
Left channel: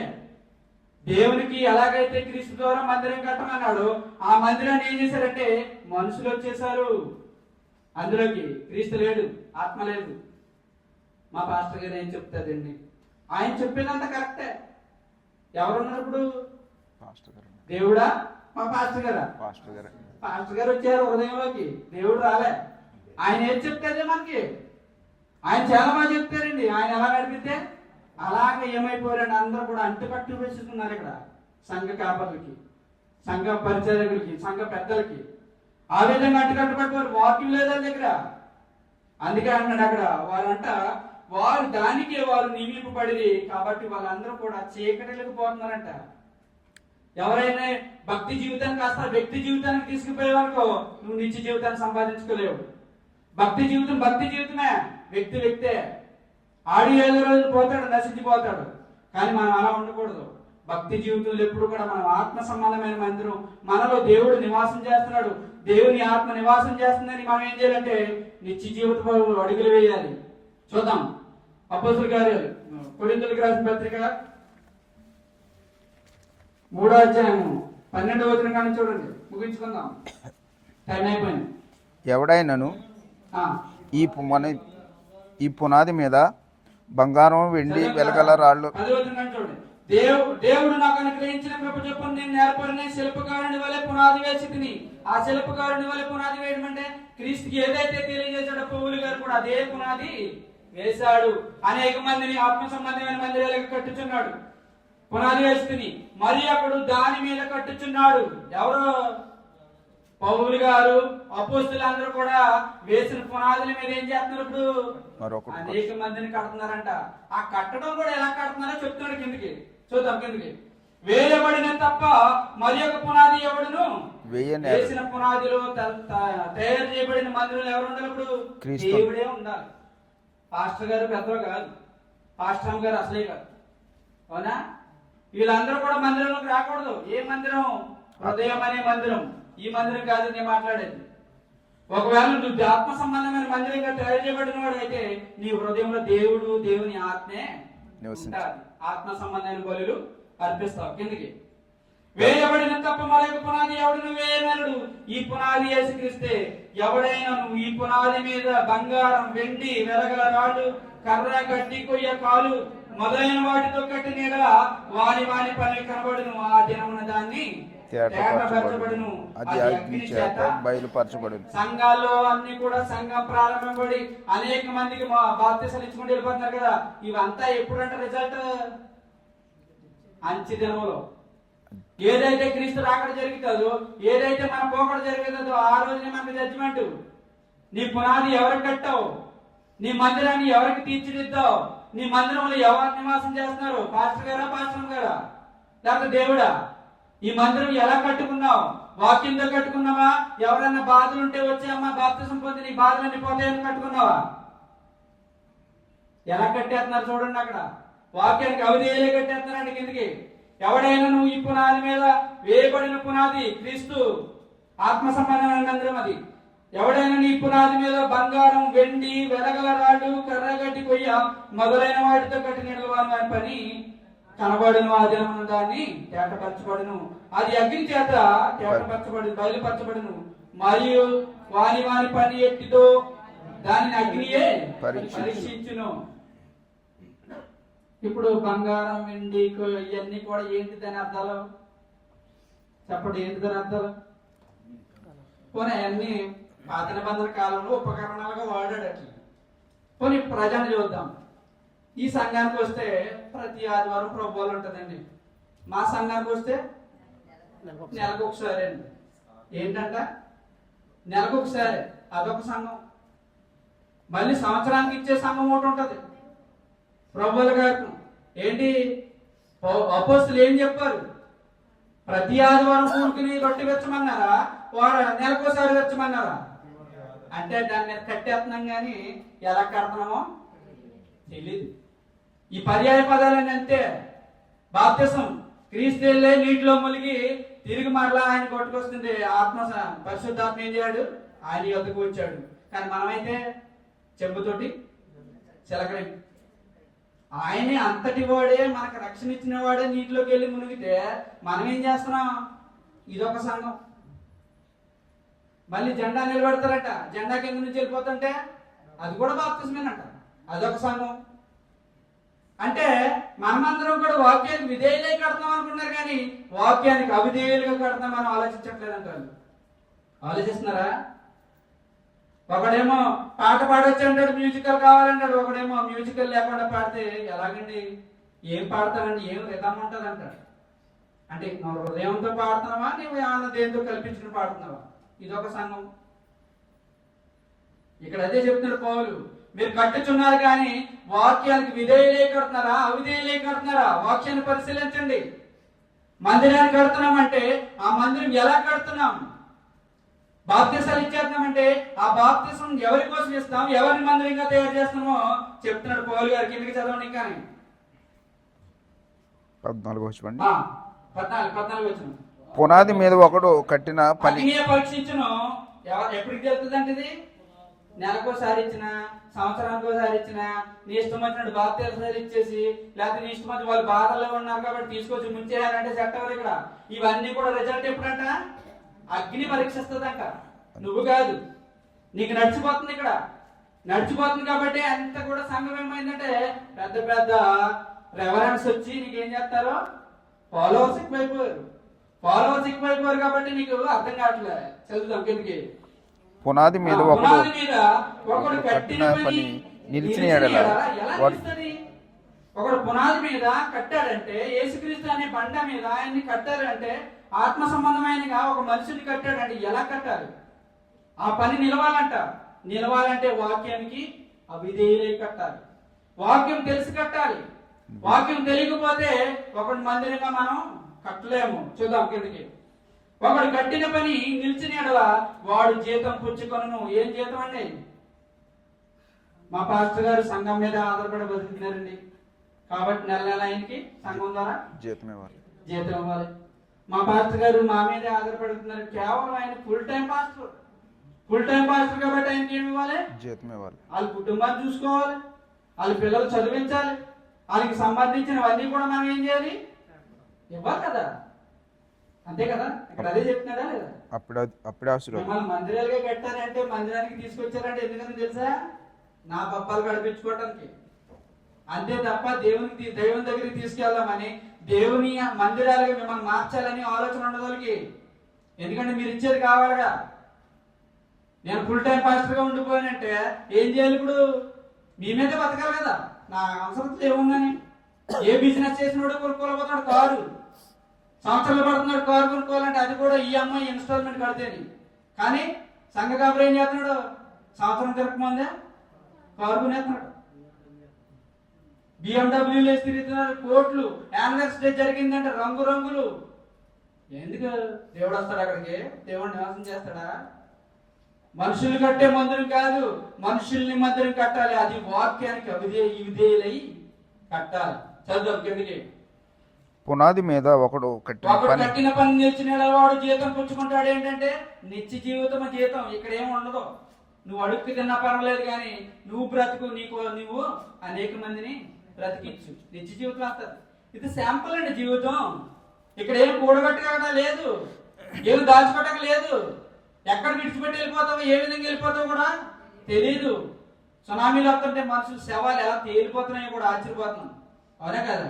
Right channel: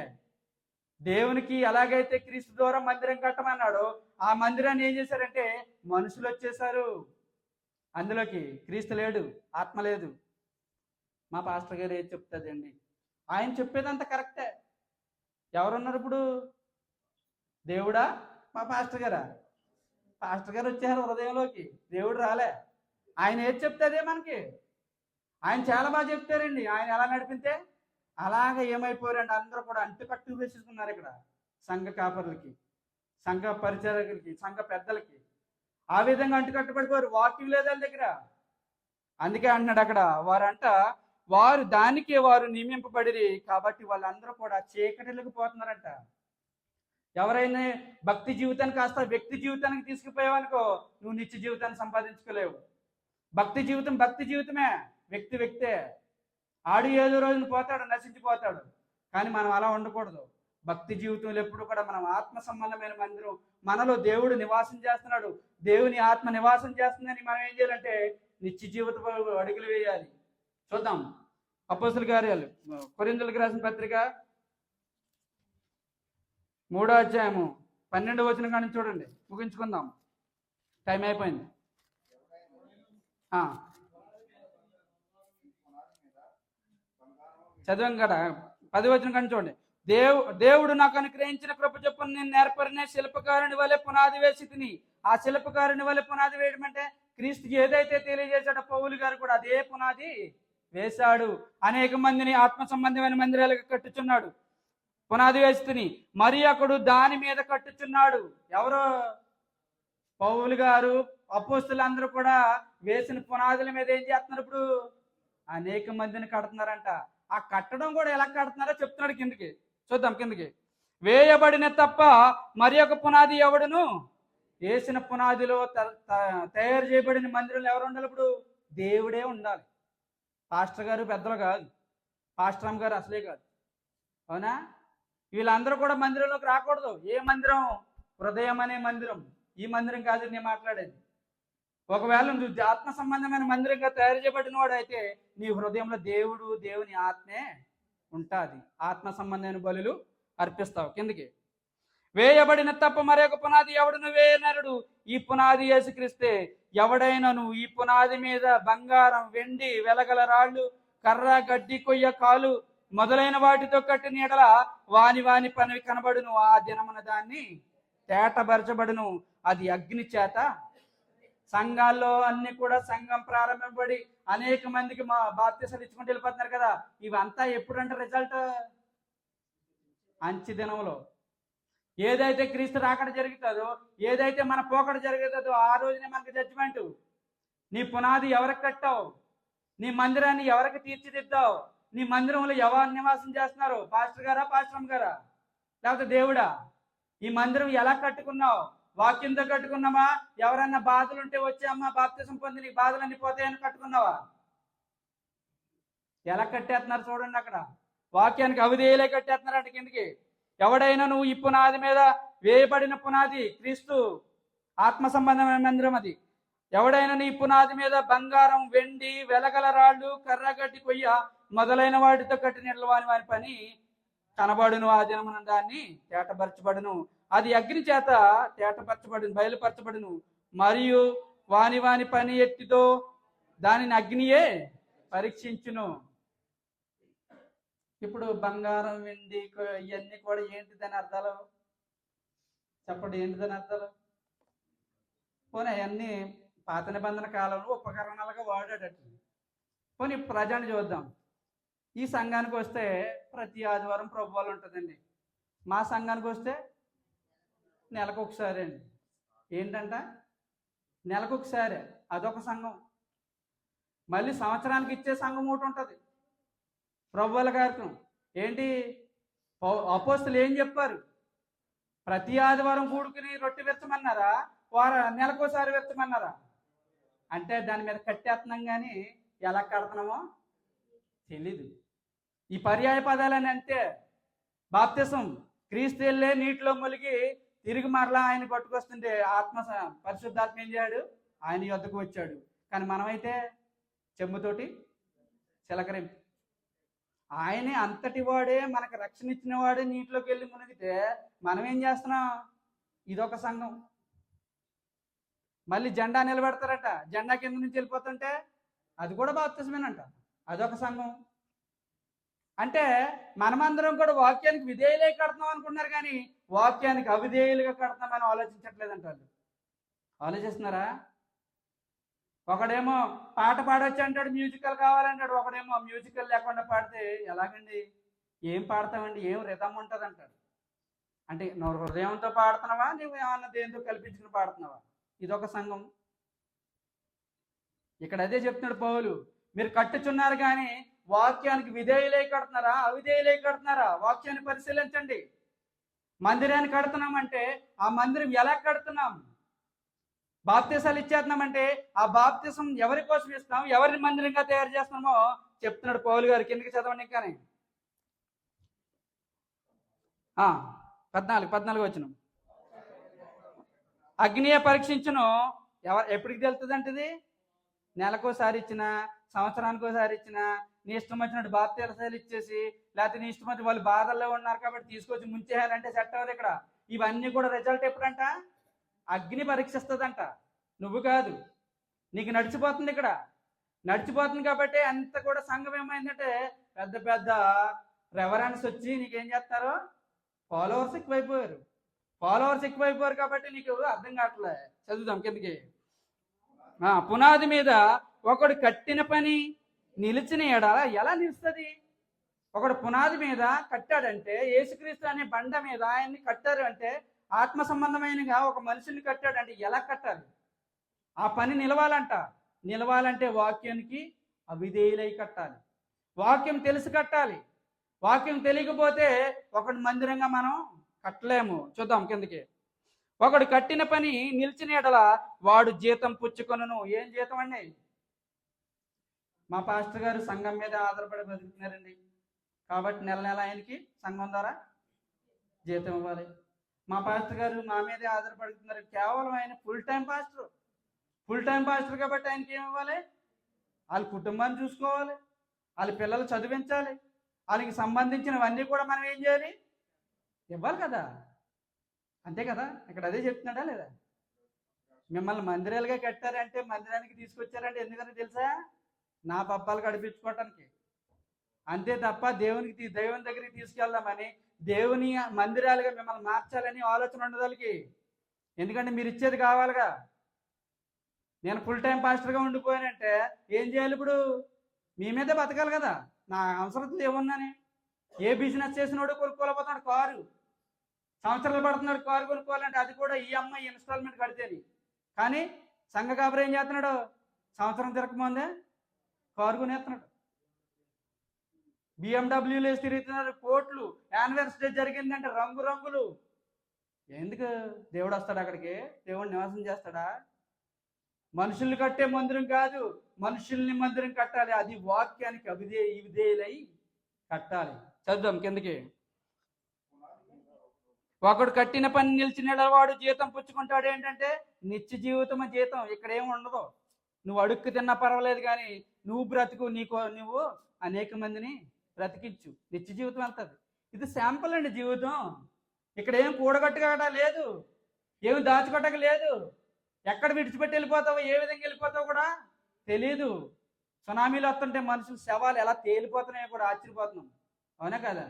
దేవునికి ఎలాగైతే క్రీస్తు ద్వారా మందిరం కట్టమన్నాడో ఆ మందిరాన్ని ఏం చేశారంటే మనుషులు వచ్చేసారు అందులోకి. క్రీస్తు లేడు, ఆత్మ లేదు. మా పాస్టర్ గారు ఏం చెప్తాదండి, ఆయన చెప్పేదంతా కరెక్టే. ఎవరున్నారు ఇప్పుడు? దేవుడా? మా పాస్టర్ గారా? పాస్టర్ గారు వచ్చారు హృదయంలోకి, దేవుడు రాలే. ఆయన ఏం చెప్తారే మనకి? ఆయన చాలా బాగా చెప్తారండి. ఆయన ఎలా నడిపితే అలాగే ఏమైపోయారండి, అందరూ కూడా అంటుపట్టు వేసుకున్నారు ఇక్కడ సంఘ కాపర్లకి, సంఘ పరిచర్యకులకి, సంఘ పెద్దలకి. ఆ విధంగా అంటుకట్టుబడిపోయారు. వాక్యం లేదా దగ్గర. అందుకే అన్నాడు అక్కడ వారు దానికే వారు నియమింపబడి కాబట్టి వాళ్ళందరూ కూడా చీకటిలోకి పోతున్నారంట. ఎవరైనా భక్తి జీవితానికి కాస్త వ్యక్తి జీవితానికి తీసుకుపోయేవానుకో నువ్వు నిత్య జీవితాన్ని సంపాదించుకోలేవు. భక్తి జీవితమే, వ్యక్తే. ఆడి ఏదో రోజు పోతాడు, నశించిపోతాడు. కానీ మనం అలా ఉండకూడదు. భక్తి జీవితంలో ఎప్పుడు కూడా మనం ఆత్మ సంబంధమైన మందిరం, మనలో దేవుడు నివాసం చేస్తున్నాడు, దేవుని ఆత్మ నివాసం చేస్తుందని మనం ఏం చేయాలంటే నిత్య జీవిత అడుగులు వేయాలి. చూద్దాం అపోస్తలుల కార్యాలు, కొరింథీయులకు రాసిన పత్రిక 3వ అధ్యాయం 12వ వచనం కానీ చూడండి, ముగించుకుందాం, టైం అయిపోయింది. ఎవడైనను ఈ పునాది మీద బంగారం, వెండి, వెలగల రాళ్ళు. 10వ వచనం కానీ చూడండి. దేవుడు నాకు అనుగ్రహించిన కృప చొప్పున నేను నేర్పరిని శిల్పకారుని వలె పునాది వేసి తిని. ఆ శిల్పకారుని వలె పునాది వేయడం అంటే క్రీస్తుకి ఏదైతే తెలియజేశాడో పౌలు గారు కూడా అదే పునాది వేశాడు. అనేక మందిని ఆత్మ సంబంధమైన మందిరాలకు కట్టుచున్నాడు, పునాది వేసి తిని. మరి అప్పుడు దాని మీద కట్టుచున్నాడు. ఎవరో? పౌలు గారు, అపోస్తలులందరూ కూడా వేసిన పునాదుల మీద ఏం చేస్తున్నారు? ఇప్పుడు అనేక మందిని కడుతున్నారంట. ఆ కట్టడం కూడా ఎలా కడుతున్నారో చెప్తున్నాడు. కిందకి చూద్దాం. కిందకి వేయబడిన తప్ప మరి ఒక పునాది ఎవడును వేసిన పునాదిలో తయారు చేయబడిన మందిరంలో ఎవరు ఉండాలి? ఇప్పుడు దేవుడే ఉండాలి. పాస్టర్ గారు పెద్దలు కాదు, పాస్టర్ గారు అసలే కాదు. అవునా? వీళ్ళందరూ కూడా మందిరంలోకి రాకూడదు. ఏ మందిరం? హృదయం అనే మందిరం. ఈ మందిరం కాదు నేను మాట్లాడేది. ఒకవేళ నువ్వు ఆత్మ సంబంధమైన మందిరంగా తయారు చేయబడిన వాడు అయితే నీ హృదయంలో దేవుడు, దేవుని ఆత్మే ఉంటారు. ఆత్మ సంబంధమైన బలులు అర్పిస్తావు. కిందకి వేయబడిన తప్ప మరొక పునాది ఎవడును వేయనరుడు. ఈ పునాది యేసుక్రీస్తే. ఎవడైనా నువ్వు ఈ పునాది మీద బంగారం, వెండి, వెలగల రాళ్ళు, కర్ర, గడ్డి, కొయ్య, కాలు మొదలైన వాటితో కట్టిన ఎడల వాని పని కనబడును. ఆ దినమున దాన్ని తేటపరచబడును, అది అగ్ని చేత బయలుపరచబడును. సంఘాల్లో అన్ని కూడా సంఘం ప్రారంభపడి అనేక మందికి మా బాప్తిసాలు ఇచ్చుకుంటూ వెళ్ళిపోతున్నారు కదా. ఇవంతా ఎప్పుడంటే రిజల్ట్ అంచె దినంలో. ఏదైతే క్రీస్తు రాకడ జరుగుతుందో, ఏదైతే మన పోకడ జరుగుతుందో ఆ రోజునే మనకు జడ్జిమెంట్. నీ పునాది ఎవరికి కట్టావు? నీ మందిరాన్ని ఎవరికి తీర్చిదిద్దావు? నీ మందిరంలో ఎవరు నివాసం చేస్తున్నారు? పాస్టర్ గారా, పాస్టర్ గారా, లేకపోతే దేవుడా? ఈ మందిరం ఎలా కట్టుకున్నావు? వాక్యంతో కట్టుకున్నావా? ఎవరైనా బాధలు ఉంటే వచ్చి అమ్మ బాప్తిసం పొంది నీ బాధలన్నీ పోతాయని కట్టుకున్నావా? ఎలా కట్టేస్తున్నారు చూడండి. అక్కడ వాక్యానికి అవిధేయులే కట్టేస్తున్నారండి కిందకి. ఎవడైనా నువ్వు ఈ పునాది మీద వేయబడిన పునాది క్రీస్తు, ఆత్మ సంబంధమైన మందిరం అది. ఎవడైనా నీ పునాది మీద బంగారం, వెండి, వెలగల రాళ్ళు, కర్రగడ్డి, కొయ్య మొదలైన వాటితో కట్టిన వారి పని కనబడును. ఆ దినమున దాన్ని తేటపరచబడును, అది అగ్ని చేత తేటపరచబడును, బయలుపరచబడును. మరియు వాని పని ఎట్టితో దానిని అగ్నియే పరీక్షించును. ఇప్పుడు బంగారం, వెండి ఇవన్నీ కూడా ఏంటి దాని అర్థాలు చెప్పండి? ఏంటి దాని అర్థాలు? పోనీ అవన్నీ పాత నిబంధన కాలంలో ఉపకరణాలుగా వాడాడు అట్లా. పోనీ ప్రజెంట్ చూద్దాం. ఈ సంఘానికి వస్తే ప్రతి ఆదివారం ప్రభువాలు ఉంటుందండి. మా సంఘానికి వస్తే నెలకు ఒకసారి అండి. ఏంటంట? నెలకు ఒకసారి. అదొక సంఘం. మళ్ళీ సంవత్సరానికి ఇచ్చే సంఘం ఒకటి ఉంటుంది ప్రభువుల గారికి. ఏంటి అపోస్తులు ఏం చెప్పారు? ప్రతి ఆదివారం కూడుకుని రొట్టె వెచ్చమన్నారా, వాడు నెలకోసారి వెచ్చమన్నారా? అంటే దాని మీద కట్టేస్తున్నాం కానీ ఎలా కడుతున్నామో తెలీదు. ఈ పర్యాయ పదాలని అంతే. బాప్తిసం, క్రీస్తు వెళ్ళే నీటిలో మునిగి తిరిగి మరలా ఆయన కొట్టుకొస్తుంది. పరిశుద్ధాత్మ ఏం చేయాడు? ఆయన యొద్దకు వచ్చాడు. కానీ మనమైతే చెంబుతోటి చిలకరి. ఆయనే అంతటి వాడే, మనకు రక్షణ ఇచ్చిన వాడే నీటిలోకి వెళ్ళి మునిగితే మనం ఏం చేస్తున్నాం? ఇదొక సంఘం. మళ్ళీ జెండా నిలబెడతారట. జెండా కింద నుంచి వెళ్ళిపోతుంటే అది కూడా బాప్తిసమేనంట. అదొక సంఘం. అంటే మనమందరం కూడా వాక్యానికి విధేయులై కడతాం అనుకున్నారు, కానీ వాక్యానికి అవిధేయులుగా కడతాం మనం ఆలోచించట్లేదంట. ఆలోచిస్తున్నారా? ఒకడేమో పాట పాడొచ్చు అంటాడు, మ్యూజికల్ కావాలంటాడు. ఒకడేమో మ్యూజికల్ లేకుండా పాడితే ఎలాగండి? ఏం పాడతానండి? ఏం రిధం ఉంటుంది అంటాడు. అంటే నువ్వు హృదయంతో పాడుతున్నావా, నువ్వు ఏమన్నా దేంతో కల్పించుకుని పాడుతున్నావా? ఇదొక సంఘం. ఇక్కడ అదే చెప్తున్నాడు పౌలు. మీరు కట్టుచున్నారు కానీ వాక్యానికి విధేయులై కడుతున్నారా, అవిధేయులై కడుతున్నారా? వాక్యాన్ని పరిశీలించండి. మందిరాన్ని కడుతున్నామంటే ఆ మందిరం ఎలా కడుతున్నాం? బాప్తిసాలు ఇచ్చేస్తున్నామంటే ఆ బాప్తిసం ఎవరి కోసం ఇస్తాం, ఎవరిని మందిరంగా తయారు చేస్తామో చెప్తున్నాడు పౌలు గారు. కిందకి చదవండి. కానీ 14 వచ్చిన పునాది మీద ఒకడు కట్టిన పని పరీక్షించును. ఎప్పటికి తెలుస్తుంది అంటే ఇది నెలకోసారి ఇచ్చిన, సంవత్సరానికి ఒకసారి ఇచ్చిన, నీ ఇష్టం వచ్చినట్టు బాప్తిసాలు ఇచ్చేసి, లేకపోతే నీ ఇష్టం వచ్చి వాళ్ళు బాధల్లో ఉన్నారు కాబట్టి తీసుకొచ్చి ముంచేయాలంటే చట్టం ఇక్కడ. ఇవన్నీ కూడా రిజల్ట్ ఎప్పుడంట? అగ్ని పరీక్షిస్తుందంట. నువ్వు కాదు, నీకు నడిచిపోతుంది. ఇక్కడ నడిచిపోతుంది కాబట్టి అంత కూడా సంఘం ఏమైందంటే పెద్ద పెద్ద రెవరెన్స్ వచ్చి నీకేం చేస్తారు? ఫాలోవర్స్ ఎక్కువైపోయారు కాబట్టి నీకు అర్థం కావట్లే. చదువుదాం కిందకి. పునాది మీద ఒకడు కట్టిన పని నిలిచిన ఎలా నిలుస్తుంది? ఒకడు పునాది మీద కట్టాడంటే, యేసుక్రీస్తు అనే బండ మీద ఆయన్ని కట్టారంటే, ఆత్మ సంబంధమైనగా ఒక మనిషిని కట్టాడంటే ఎలా కట్టాలి? ఆ పని నిలవాలంట. నిలవాలంటే వాక్యానికి అవిధేయులై కట్టాలి. వాక్యం తెలిసి కట్టాలి. వాక్యం తెలియకపోతే ఒకటి మందిరంగా మనం కట్టలేము. చూద్దాం కిందకి. ఒకడు కట్టిన పని నిలిచిన ఎడల వాడు జీతం పుచ్చుకొనును. ఏం జీతం అండి? మా పాస్టర్ గారు సంఘం మీద ఆధారపడి బతుకుతున్నారండి కాబట్టి నెల నెల ఆయనకి సంఘం ద్వారా జీతం ఇవ్వాలి. మా పాస్టర్ గారు మా మీద ఆధారపడుతున్నారు. కేవలం ఆయన ఫుల్ టైం పాస్టర్ కాబట్టి ఆయనకి ఏమి ఇవ్వాలి? జీతం ఇవ్వాలి. వాళ్ళ కుటుంబాన్ని చూసుకోవాలి, వాళ్ళ పిల్లలు చదివించాలి, వాళ్ళకి సంబంధించినవన్నీ కూడా మనం ఏం చేయాలి? ఇవ్వాలి కదా. అంతే కదా. ఇక్కడ అదే చెప్తున్నాడా లేదా? అప్పుడే మిమ్మల్ని మందిరాలుగా కట్టారంటే, మందిరానికి తీసుకొచ్చారంటే ఎందుకని తెలుసా? నా పప్పాలు గడిపించుకోవడానికి. అంతే తప్ప దైవం దగ్గరికి తీసుకెళ్దామని, దేవుని మందిరాలుగా మిమ్మల్ని మార్చాలని ఆలోచన ఉండదు వాళ్ళకి. ఎందుకంటే మీరు ఇచ్చేది కావాలిగా. నేను ఫుల్ టైం పాస్టర్గా ఉండిపోయానంటే ఏం చేయాలి? ఇప్పుడు మీ మీద బతకాలి కదా. నా అవసరం ఏముందని. ఏ బిజినెస్ చేసినోడు కొనుక్కోలేకపోతున్నాడు కారు. సంవత్సరాలు పడుతున్నాడు కారు కొనుక్కోవాలంటే, అది కూడా ఈఎంఐ ఇన్స్టాల్మెంట్ కడితేని. కానీ సంఘ కాబట్టి ఏం చేస్తున్నాడు? సంవత్సరం తిరగకముందే కారు కొనేస్తున్నాడు. BMW తిరుగుతున్నారు, కోట్లు. యానివర్సరీ డే జరిగిందంటే రంగులు. ఎందుకు దేవుడు వస్తాడు అక్కడికి? దేవుడు నివాసం చేస్తాడా? మనుషులు కట్టే మందిరం కాదు, మనుషుల్ని మందిరం కట్టాలి. అది వాక్యానికి విధేయులై కట్టాలి. చదువు కిందకి. పునాది మీద ఒకడు కట్టిన పని నిలిచిన వాడు జీతం పుచ్చుకుంటాడు. ఏంటంటే నిత్య జీవితం. జీతం ఇక్కడ ఏమి ఉండదు. నువ్వు అడుక్కు తిన్నా పర్వాలేదు, కానీ నువ్వు బ్రతుకు, నువ్వు అనేక మందిని బ్రతికించు. నిత్య జీవితం వస్తుంది. ఇది శాంపుల్ అండి జీవితం. ఇక్కడ ఏం కూడగట్టుకోవడం లేదు, ఏమి దాచుకోవడం లేదు. ఎక్కడ విడిచిపెట్టి వెళ్ళిపోతావు, ఏ విధంగా వెళ్ళిపోతావు కూడా తెలీదు. సునామీలు వస్తుంటే మనుషులు శవాలు ఎలా తేలిపోతున్నాయో కూడా ఆశ్చర్యపోతున్నాం. అవునా కదా?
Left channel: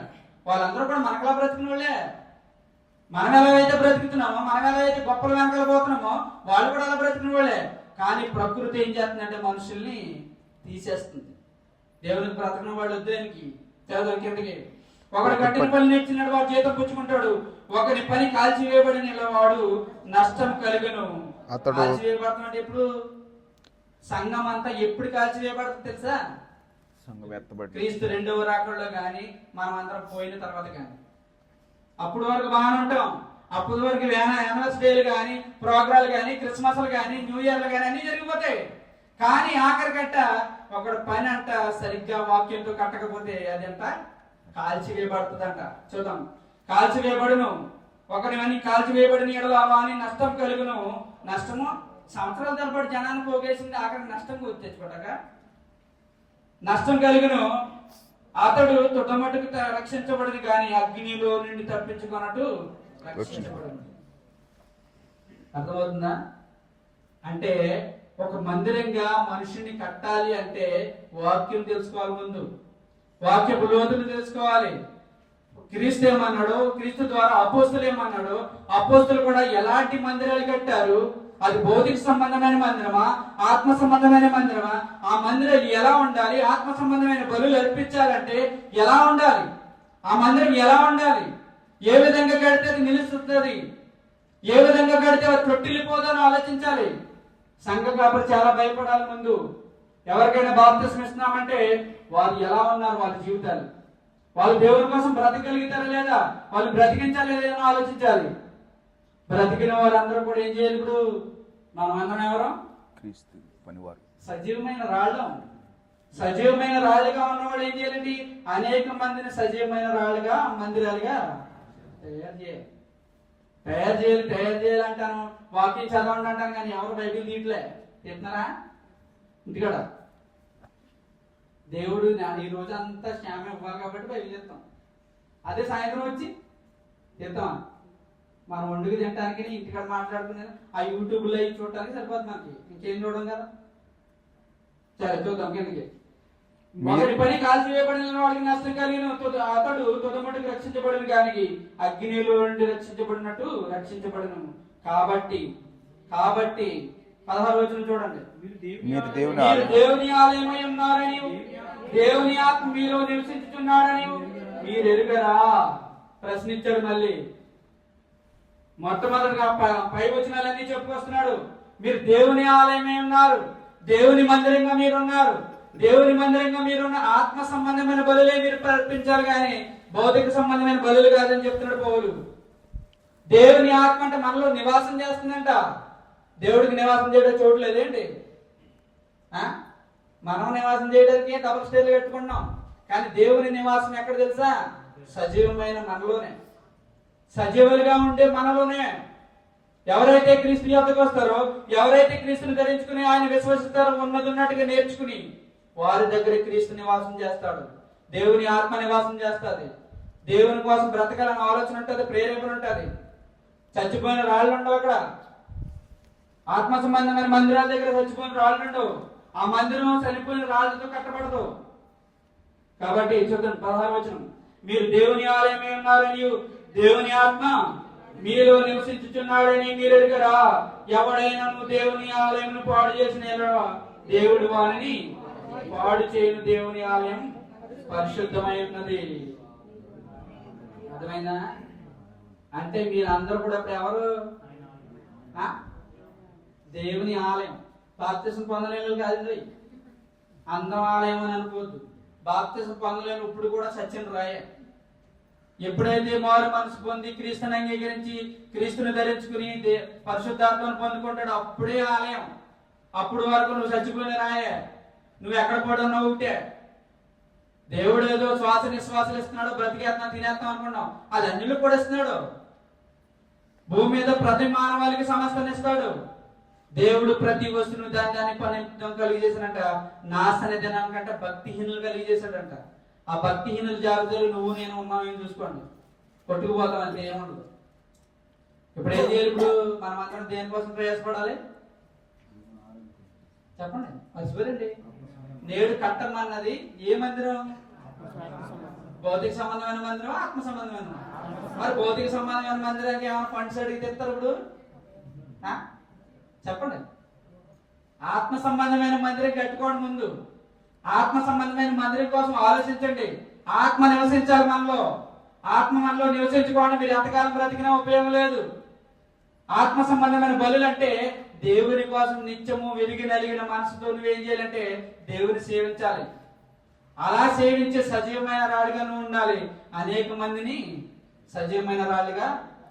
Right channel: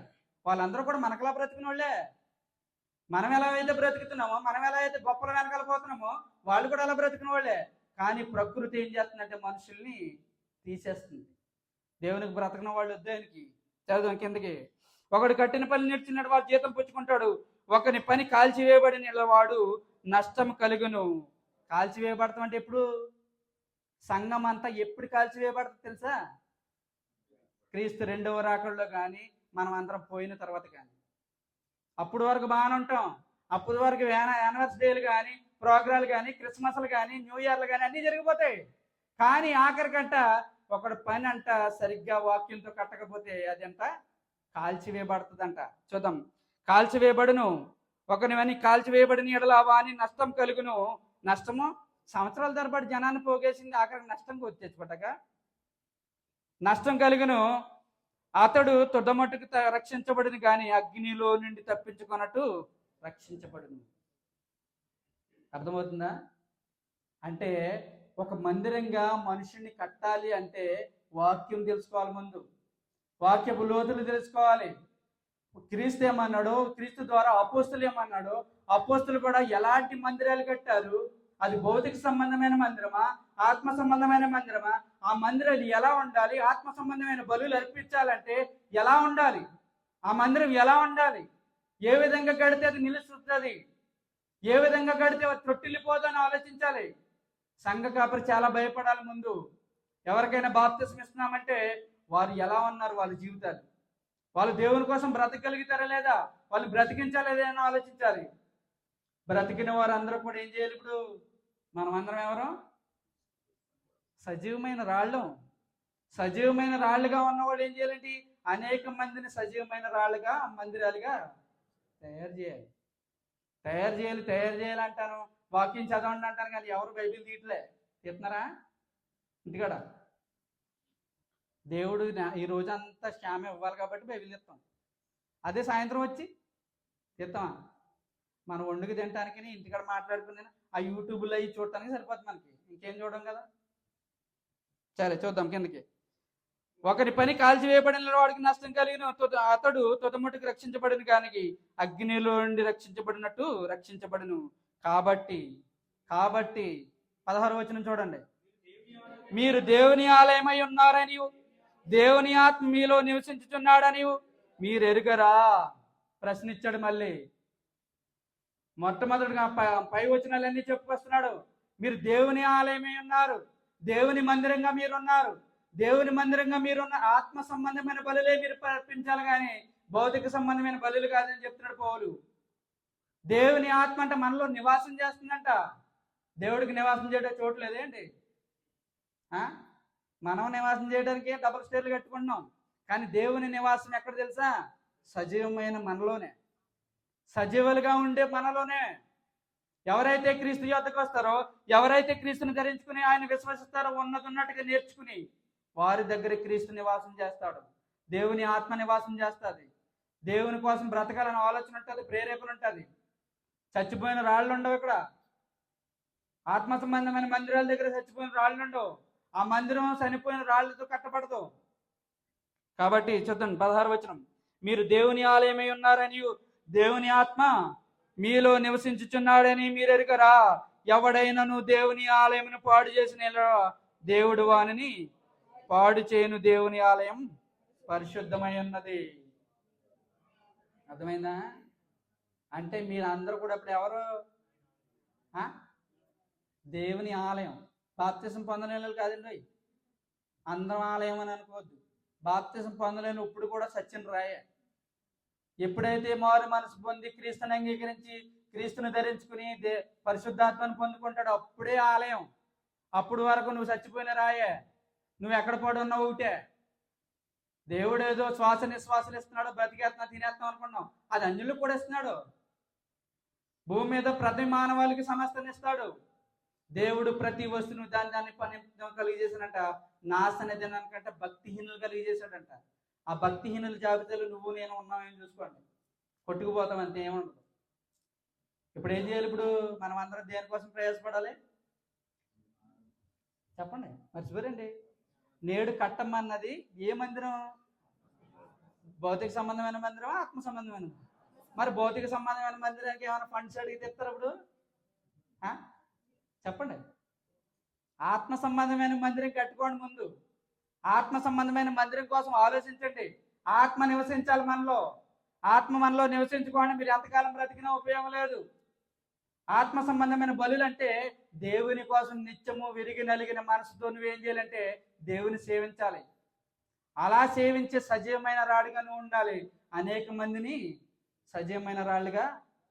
వాళ్ళందరూ కూడా మనకలా బ్రతికిన వాళ్ళే. మనం ఎలా అయితే బ్రతుకుతున్నామో, మనం ఎలా అయితే గొప్పలు వెనకాల పోతున్నామో, వాళ్ళు కూడా అలా బ్రతికిన వాళ్ళే. కానీ ప్రకృతి ఏం చేస్తుందంటే మనుషుల్ని తీసేస్తుంది. దేవునికి బ్రతకడం వాళ్ళు వద్దానికి చదువు కిందకి. ఒకడు కట్టిన పని నేర్చినట్టు వాడు జీతం పుచ్చుకుంటాడు, ఒకరి పని కాల్చివేయబడిన వాడు నష్టం కలుగును. కాల్చివేయబడతాం అంటే ఎప్పుడు? సంఘం అంతా ఎప్పుడు కాల్చివేయబడుతుంది తెలుసా? క్రీస్తు రెండవ రాకడలో కానీ మనం అందరం పోయిన తర్వాత కానీ. అప్పుడు వరకు బాగానే ఉంటాం. అప్పుడు వరకు యానివర్సరీ డేలు కానీ, ప్రోగ్రాలు కానీ, క్రిస్మస్లు కానీ, న్యూ ఇయర్లు కానీ అన్ని జరిగిపోతాయి. కానీ ఆఖరి గంట ఒకడు పని అంట సరిగ్గా వాక్యంతో కట్టకపోతే అదంట కాల్చివేయబడుతుందంట. చూద్దాం. కాల్చివేయబడును, ఒకరిని కాల్చివేయబడిన ఎడల వాని నష్టం కలుగును. నష్టము సంవత్సరాల తరబడి జనాన్ని పోగేసింది, ఆఖరికి నష్టం వచ్చేసిపట్టక నష్టం కలుగును. అతడు తొడమట్టుకు రక్షించబడింది కానీ అగ్నిలో నుండి తప్పించుకున్నట్టు రక్షించబడింది. అర్థమవుతుందా? అంటే ఒక మందిరంగా మనిషిని కట్టాలి అంటే వాక్యం తెలుసుకోవాలి. ముందు వాక్యపు లోతులు తెలుసుకోవాలి. క్రీస్తు ఏమన్నాడు, క్రీస్తు ద్వారా అపోస్తులు ఏమన్నాడు, అపోస్తులు కూడా ఎలాంటి మందిరాలు కట్టారు, అది భౌతిక సంబంధమైన మందిరమా, ఆత్మ సంబంధమైన మందిరమా, ఆ మందిరం ఎలా ఉండాలి, ఆత్మ సంబంధమైన బలులు అర్పించాలంటే ఎలా ఉండాలి, ఆ మందిరం ఎలా ఉండాలి, ఏ విధంగా కడితే అది నిలుస్తుంది, ఏ విధంగా కడితే అది తొట్టిల్లిపోదని ఆలోచించాలి. సంఘ కాపరి చాలా భయపడాలి. ముందు ఎవరికైనా బాప్తిస్మం ఇస్తున్నామంటే వాళ్ళు ఎలా ఉన్నారు, వాళ్ళ జీవితాలు, వాళ్ళు దేవుని కోసం బ్రతకగలుగుతారా లేదా, వాళ్ళు బ్రతికించాలా లేదా ఆలోచించాలి. బ్రతికిన వారందరూ కూడా ఏం చేయాలి? ఇప్పుడు మనం అందరం ఎవరు? క్రీస్తు పనివారు, సజీవమైన రాళ్ళు. సజీవమైన రాళ్ళుగా ఉన్నవాళ్ళు ఏం చేయాలండి? అనేక మందిని సజీవమైన రాళ్ళుగా, మందిరాలుగా తయారు చేయాలి. తయారు చేయాలంటాను, వాక్యం చదవండి అంటాను, కానీ ఎవరు బైబిల్ తీయట్లే. తిన్నారా ఇంటికాడ? దేవుడు ఈ రోజు అంతా శ్యామ ఇవ్వాలి కాబట్టి బైబిల్ చెప్తాం. అదే సాయంత్రం వచ్చి చెప్తామా? మనం వండుకు తినడానికి, ఇంటికాడ మాట్లాడుకున్నాను, ఆ యూట్యూబ్లో అవి చూడటానికి సరిపోతుంది మనకి, ఇంకేం చూడడం కదా. సరే చూద్దాం కిందకి. ఒకరి పని కాల్చివేయబడిన వాడికి నష్టం కలిగిన అతడు తొడమట్టుకు రక్షించబడిన కానీ అగ్నిలో నుండి రక్షించబడినట్టు రక్షించబడను. కాబట్టి 16వ వచనం చూడండి. మీరు దేవుని ఆలయమై ఉన్నారని, దేవుని ఆత్మ మీలో నివసించుచున్నాడని మీరు ఎరుగరా? ప్రశ్నించాడు. మళ్ళీ మొట్టమొదటిగా పై వచనాలన్నీ చెప్పుకొస్తున్నాడు. మీరు దేవుని ఆలయమే ఉన్నారు, దేవుని మందిరంగా మీరున్నారు, దేవుని మందిరంగా మీరున్న ఆత్మ సంబంధమైన బలులే మీరు ప్రకటించాలి కానీ భౌతిక సంబంధమైన బలులు కాదని చెప్తున్నాడు పౌలు. దేవుని ఆత్మ అంటే మనలో నివాసం చేస్తుందంట. దేవుడికి నివాసం చేయడం చోటు లేదేంటి? మనం నివాసం చేయడానికి డబుల్ స్టేర్లు కట్టుకుంటున్నాం, కానీ దేవుని నివాసం ఎక్కడ తెలుసా? సజీవమైన మనలోనే, సజీవులుగా ఉండే మనలోనే. ఎవరైతే క్రీస్తు యొద్దకు వస్తారో, ఎవరైతే క్రీస్తుని ధరించుకుని ఆయన విశ్వసిస్తారో, ఉన్నట్టుగా నేర్చుకుని వారి దగ్గర క్రీస్తు నివాసం చేస్తాడు. దేవుని ఆత్మ నివాసం చేస్తుంది. దేవుని కోసం బ్రతకాలని ఆలోచన ఉంటుంది, ప్రేరేపణ ఉంటుంది. చచ్చిపోయిన రాళ్ళు ఉండవు అక్కడ. ఆత్మ సంబంధమైన మందిరాల దగ్గర చచ్చిపోయిన రాళ్ళు ఉండవు. ఆ మందిరం చనిపోయిన రాళ్ళతో కట్టబడదు. కాబట్టి చూద్దాం 16వ వచనం. మీరు దేవుని ఆలయమై ఉన్నారని, దేవుని ఆత్మ మీలో నివసించుచున్నాడని మీరు ఎరుగరా? ఎవడైనను దేవుని ఆలయమును పాడు చేసిన దేవుడు వారిని పాడు చేయను. దేవుని ఆలయం పరిశుద్ధమై ఉన్నది. అర్థమైందా? అంటే మీరు అందరూ కూడా ఇప్పుడు ఎవరు? దేవుని ఆలయం. బాప్తిసం పొందలేని కాదు, అందం ఆలయం అని అనుకోవద్దు. బాప్తిసం పొందలేని ఇప్పుడు కూడా సత్యం రాయ. ఎప్పుడైతే మారు మనసు పొంది క్రీస్తుని అంగీకరించి క్రీస్తుని ధరించుకుని పరిశుద్ధాత్మను పొందుకుంటాడు, అప్పుడే ఆలయం. అప్పుడు వరకు నువ్వు చచ్చిపోయిన రాయే, నువ్వు ఎక్కడ పడున్నావు ఒకటే. దేవుడు ఏదో శ్వాస నిశ్వాసాలు ఇస్తున్నాడు, బ్రతికేస్తున్నాం తినేస్తాం అనుకున్నాం, అది అన్నిలకు కూడా ఇస్తున్నాడు. భూమి మీద ప్రతి మానవాళికి సమస్తని ఇస్తాడు. దేవుడు ప్రతి వస్తువును దాన్ని పని కలిగజేసాడంట. నాశన దినానికంటే భక్తిహీనులు కలిగజేశాడంట. ఆ భక్తిహీనుల జాబితాలు నువ్వు నేను ఉన్నామని చూసుకోండి, కొట్టుకుపోతాం అంతే, ఏముండదు. ఇప్పుడు ఏం చేయాలి? ఇప్పుడు మనం అందరం దేనికోసం ప్రయాసపడాలి చెప్పండి, మర్చిపోరండి. నేడు కట్టమన్నది ఏ మందిరం? భౌతిక సంబంధమైన మందిరమా, ఆత్మ సంబంధమైన? మరి భౌతిక సంబంధమైన మందిరానికి ఏమైనా ఫండ్స్ అడిగితే ఇస్తారు ఇప్పుడు? చెప్పండి. ఆత్మ సంబంధమైన మందిరం కట్టుకోండి. ముందు ఆత్మ సంబంధమైన మందిరం కోసం ఆలోచించండి. ఆత్మ నివసించాలి మనలో. ఆత్మ మనలో నివసించుకోండి. మీరు ఎంతకాలం బ్రతికినా ఉపయోగం లేదు. ఆత్మ సంబంధమైన బలులు అంటే దేవుని కోసం నిత్యము విరిగి నలిగిన మనసుతో నువ్వేం చేయాలంటే దేవుని సేవించాలి. అలా సేవించే సజీవమైన రాడిగా నువ్వు ఉండాలి. అనేక మందిని సజీవమైన రాళ్ళుగా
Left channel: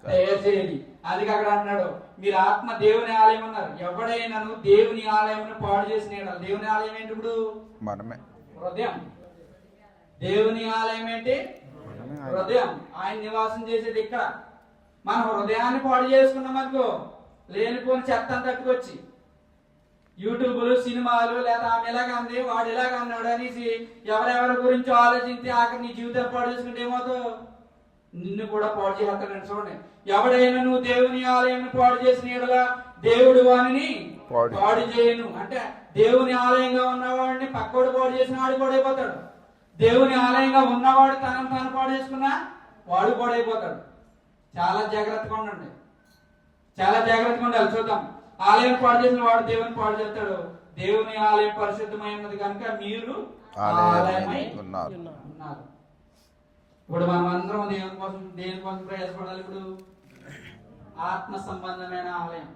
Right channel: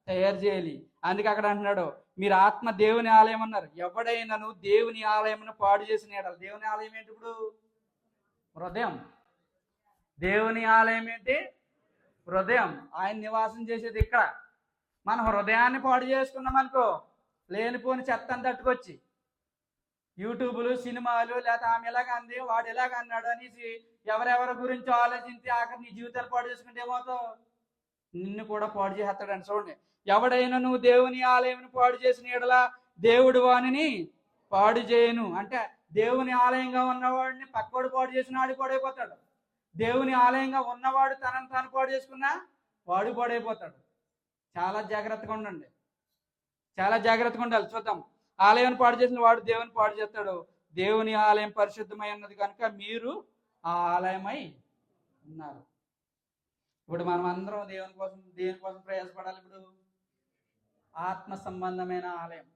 తయారు చేయాలి. అందుకే అక్కడ అంటున్నాడు, మీరు ఆత్మ దేవుని ఆలయం అన్నారు. ఎవడైనా దేవుని ఆలయం పాడు చేసిన దేవుని ఆలయం ఏంటి? ఇప్పుడు మనమే. హృదయం. దేవుని ఆలయం ఏంటి? హృదయం. ఆయన నివాసం చేసేది ఇక్కడ. మన హృదయాన్ని పాడు చేసుకున్నాం అనుకో, లేనిపోని చెత్త తట్టుకొచ్చి యూట్యూబ్లు, సినిమాలు, లేదా ఆమె ఎలాగ అంది, వాడు ఇలాగ అన్నాడు అనేసి ఎవరెవరి గురించి ఆలోచించి ఆఖరి నీ జీవితాలు పాడు చేసుకుంటే ఏమవుతావు? నిన్ను కూడా పాడు చేస్తాడని. చూడండి, ఎవడైనా నువ్వు దేవుని ఆలయం పాడు చేసిన ఎడలా దేవుడు వానిని పాడు చేయను. అంటే దేవుని ఆలయంగా ఉన్నవాడిని పక్కోడు పాడు చేసిన వాడు పాడైపోతాడు. దేవుని ఆలయంగా ఉన్నవాడు తనను తాను పాడు చేసుకున్నా వాడు పాడైపోతాడు. చాలా జాగ్రత్తగా ఉండండి. చాలా జాగ్రత్తగా ఉండాలి. చూద్దాం. ఆలయం పాడు చేసిన వాడు దేవుని పాడు చేస్తాడు. దేవుని ఆలయం పరిశుద్ధమై ఉన్నది కనుక మీరు ఆలయమై ఉన్నారు. ఇప్పుడు మనం అందరం దేనికోసం ప్రయాసపడాలి? ఇప్పుడు ఆత్మ సంబంధమైన ఆలయం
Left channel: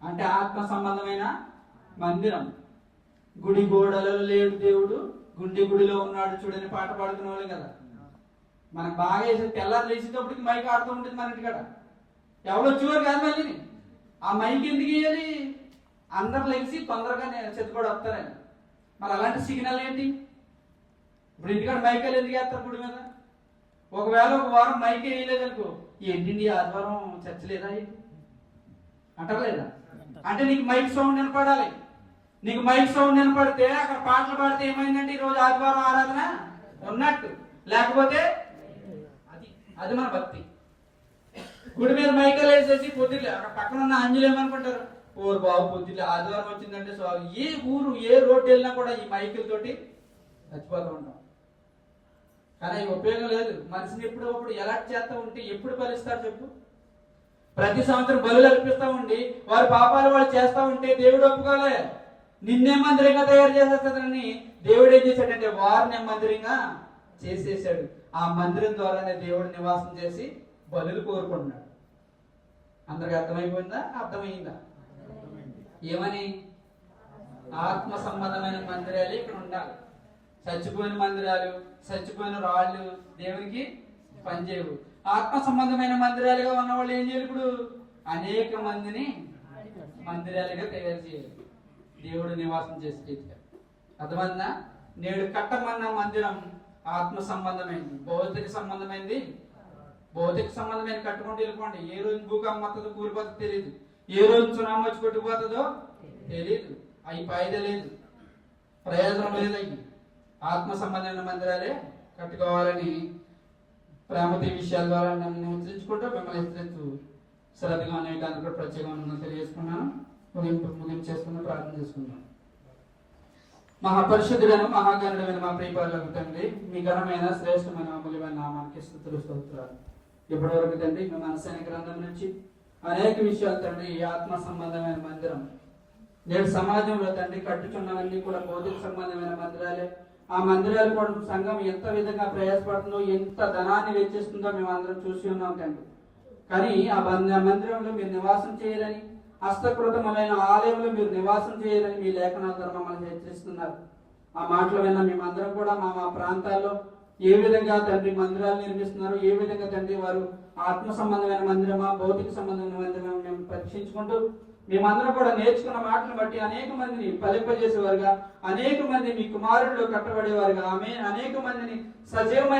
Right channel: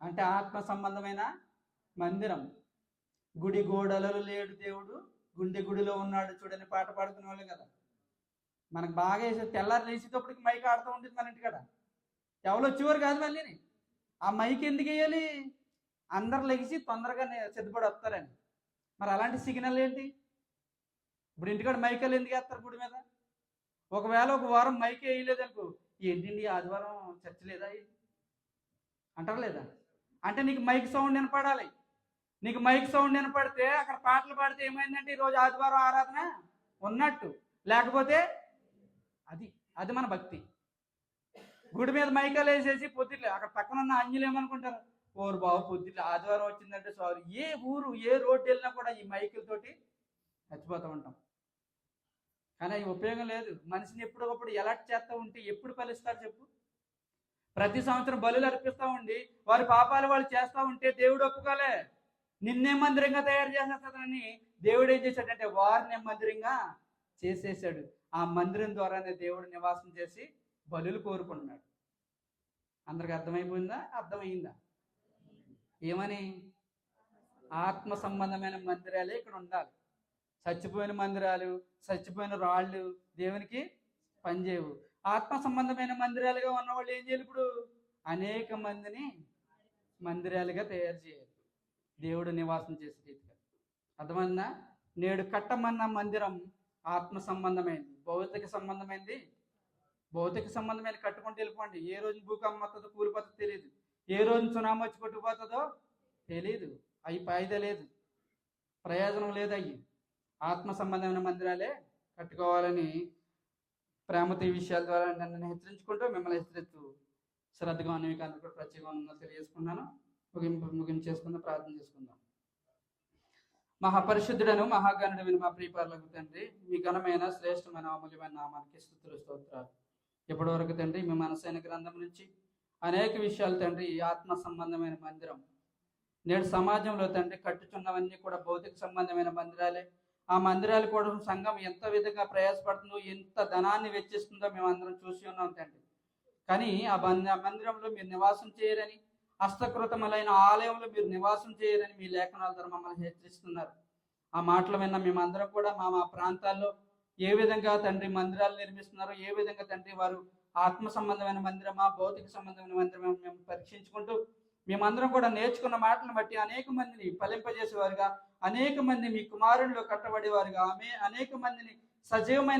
అంటే ఆత్మ సంబంధమైన మందిరం. గుడి గోడలలో లేడు దేవుడు, గుండె గుడిలో ఉన్నాడు చూడని పాట పాడుకునే వాళ్ళు కదా. మనకు బాగా వేసి తెల్లారు లేచేటప్పటికి మైక్ ఆడుతూ ఉంటుంది మన ఇంటికాడ. ఎవరో వచ్చేవారు కాదు. మళ్ళీ ఆ మైక్ ఎందుకు వేయాలి? అందరు లేచి తొందరగా చెత్తపడి వస్తారని. మరి అలాంటి సిగ్నల్ ఏంటి? ఇప్పుడు ఇంటికాడ మైకాలు ఎందుకు వేస్తారు గుడి మీద? ఒకవేళ ఒక వారం మైక్ వేయలేదు అనుకో, ఏంటి ఆదివారం చర్చ లేదా ఏంటి అంటారు లేదా? అంటే నీకు మైక్ సౌండ్ వినపడాలి. నీకు మైక్ సౌండ్ వినపడితే అక్కడ పాటలు పాడితే ఏమైందంటే ఈరోజు ఆదివారం ఆరాధన ఉన్నట్టు. లేకపోతే అది మన భక్తి. గుడి మీద మైకలు వేసేసి పొద్దులే అక్కడ పక్కన ఉన్న అంజులు ఏమనుకుంటారు, ఓరు బాబు పొద్దులే ఆదివారం వచ్చిందంటే సారీ. ఏ ఊరు ఏ రోడ్డు వెళ్ళినా కూడా ఈ మైకులతోటి చచ్చిపోతూ ఉంటాం. కానీ ఈ ఉపయోగం లేదు. మనిషిని ఎప్పుడప్పుడు ఎలర్ట్ చేస్తూ ఉంటే ఎప్పుడు ఫలిస్తారు చెప్పు? ప్రతి సంవత్సరం బలులు అర్పిస్తూ ఉండి వారి పాపాలు వాళ్ళు చేస్తూ ఉంటే దేవుడు ఒప్పుకోలే. నిన్నే మందిరంగా తయారు చేసేస్తుందని దేవుడు ఏం చేశాడంటే వారిని మందిరంగా చేసేసాడు. ఆ మందిరం ద్వారానే దేవుడు నివాసం చేసి బలులు కోరుకుంటున్నాడు. అందరికి అర్థమైపోయిందా? అర్థమైందా? ఏమని? ఆత్మ సంబంధమైన మందిరాలు ఇక్కడ ఉండాలి. చచ్చిపోయిన మందిరాలు, చచ్చిపోయిన రాళ్ళు దేవునికి పనిచేయవు. ఆత్మ సంబంధమైన మందిరాలుగా ఉన్న వాళ్ళు ఏం చేయాలి? ఇప్పుడు అనేక మందిని మందిరాలుగా తయారు చేయాలి. దేవుడు నివాసం చేసి అర్థమైందా? నేడు కట్టమన్న మందిరం ఆత్మ సంబంధమైంది. భౌతిక సంబంధమైంది. భౌతిక సంబంధమైన కట్టుకుంటూ వెళ్ళిపోండి. ఏ రోజు భూకంపం వస్తుందో కూలిపోతుందో తెలియదు. ఏ రోజు సునామీ వచ్చి కొట్టుకుపోతుందో తెలియదు. అవి ఫాయిదా లేదు, ప్రయోజనం లేదు. అవి ఆత్మ సంబంధమైన మందిరాలే కట్టుకోవాలని ప్రేమతి విషయాల ద్వారా నన్ను హెచ్చరించుకుంటూ మిమ్మల్ని హెచ్చరిస్తూ శ్రద్ధగా అనేక ప్రత్యేకంగా తెలియజేసుకున్నాను. ముగించేస్తున్నా, ప్రార్థన చేసుకున్నాను. మహాపరిశుద్ధులను మహాగణుడైన మా ప్రియపాలకు తండ్రి, మీ ఘనమైన శ్రేష్టమైన అమూల్యమైన నామానికి స్తుతులు స్తోత్రాలు. ఇప్పటివరకు తండ్రి మీ మనస్సైన గ్రంథం నుంచి అనేక విషయాలు తండ్రి ఈ ఆత్మ సంబంధమైన మందిరం నేడు సమాజంలో తండ్రి కట్టుచున్నవన్నీ కూడా భౌతిక సంబంధమైన మందిరాలే. ఆ మందిరాలు కూడా సంఘం ఎంత విధంగా ప్రయాసపడుతుందో, ఎంత ధనాన్ని వెచ్చిస్తుందో మేము అందరం చూసి ఉన్నాం తండ్రి. కానీ ఆ మందిరంలో మీరు నివాసం చేయాలని, హస్తకృతమైన ఆలయంలో మీరు నివాసం చేయాలని మీ లేఖనాల ద్వారా మమ్మల్ని హెచ్చరిస్తున్నారు. ఆ మాటల విన్న మేమందరం కూడా మా ప్రాంతాల్లో ఏ విధంగా తండ్రి మందిరాలు నిర్మిస్తున్నారు, ఏ విధంగా తండ్రి వారు ఆత్మ సంబంధమైన మందిరమా భౌతిక సంబంధమైన మందిరమా మేము పరీక్షించుకుంటూ మేమందరం కూడా నేర్చుకున్న మాటలను బట్టి అనేక మందిని ఫలింపజేసేవారుగా, అనేక మంది మీ కుమారుడిలో కట్టబడేవారుగా, అనేక మందిని సజీవమైన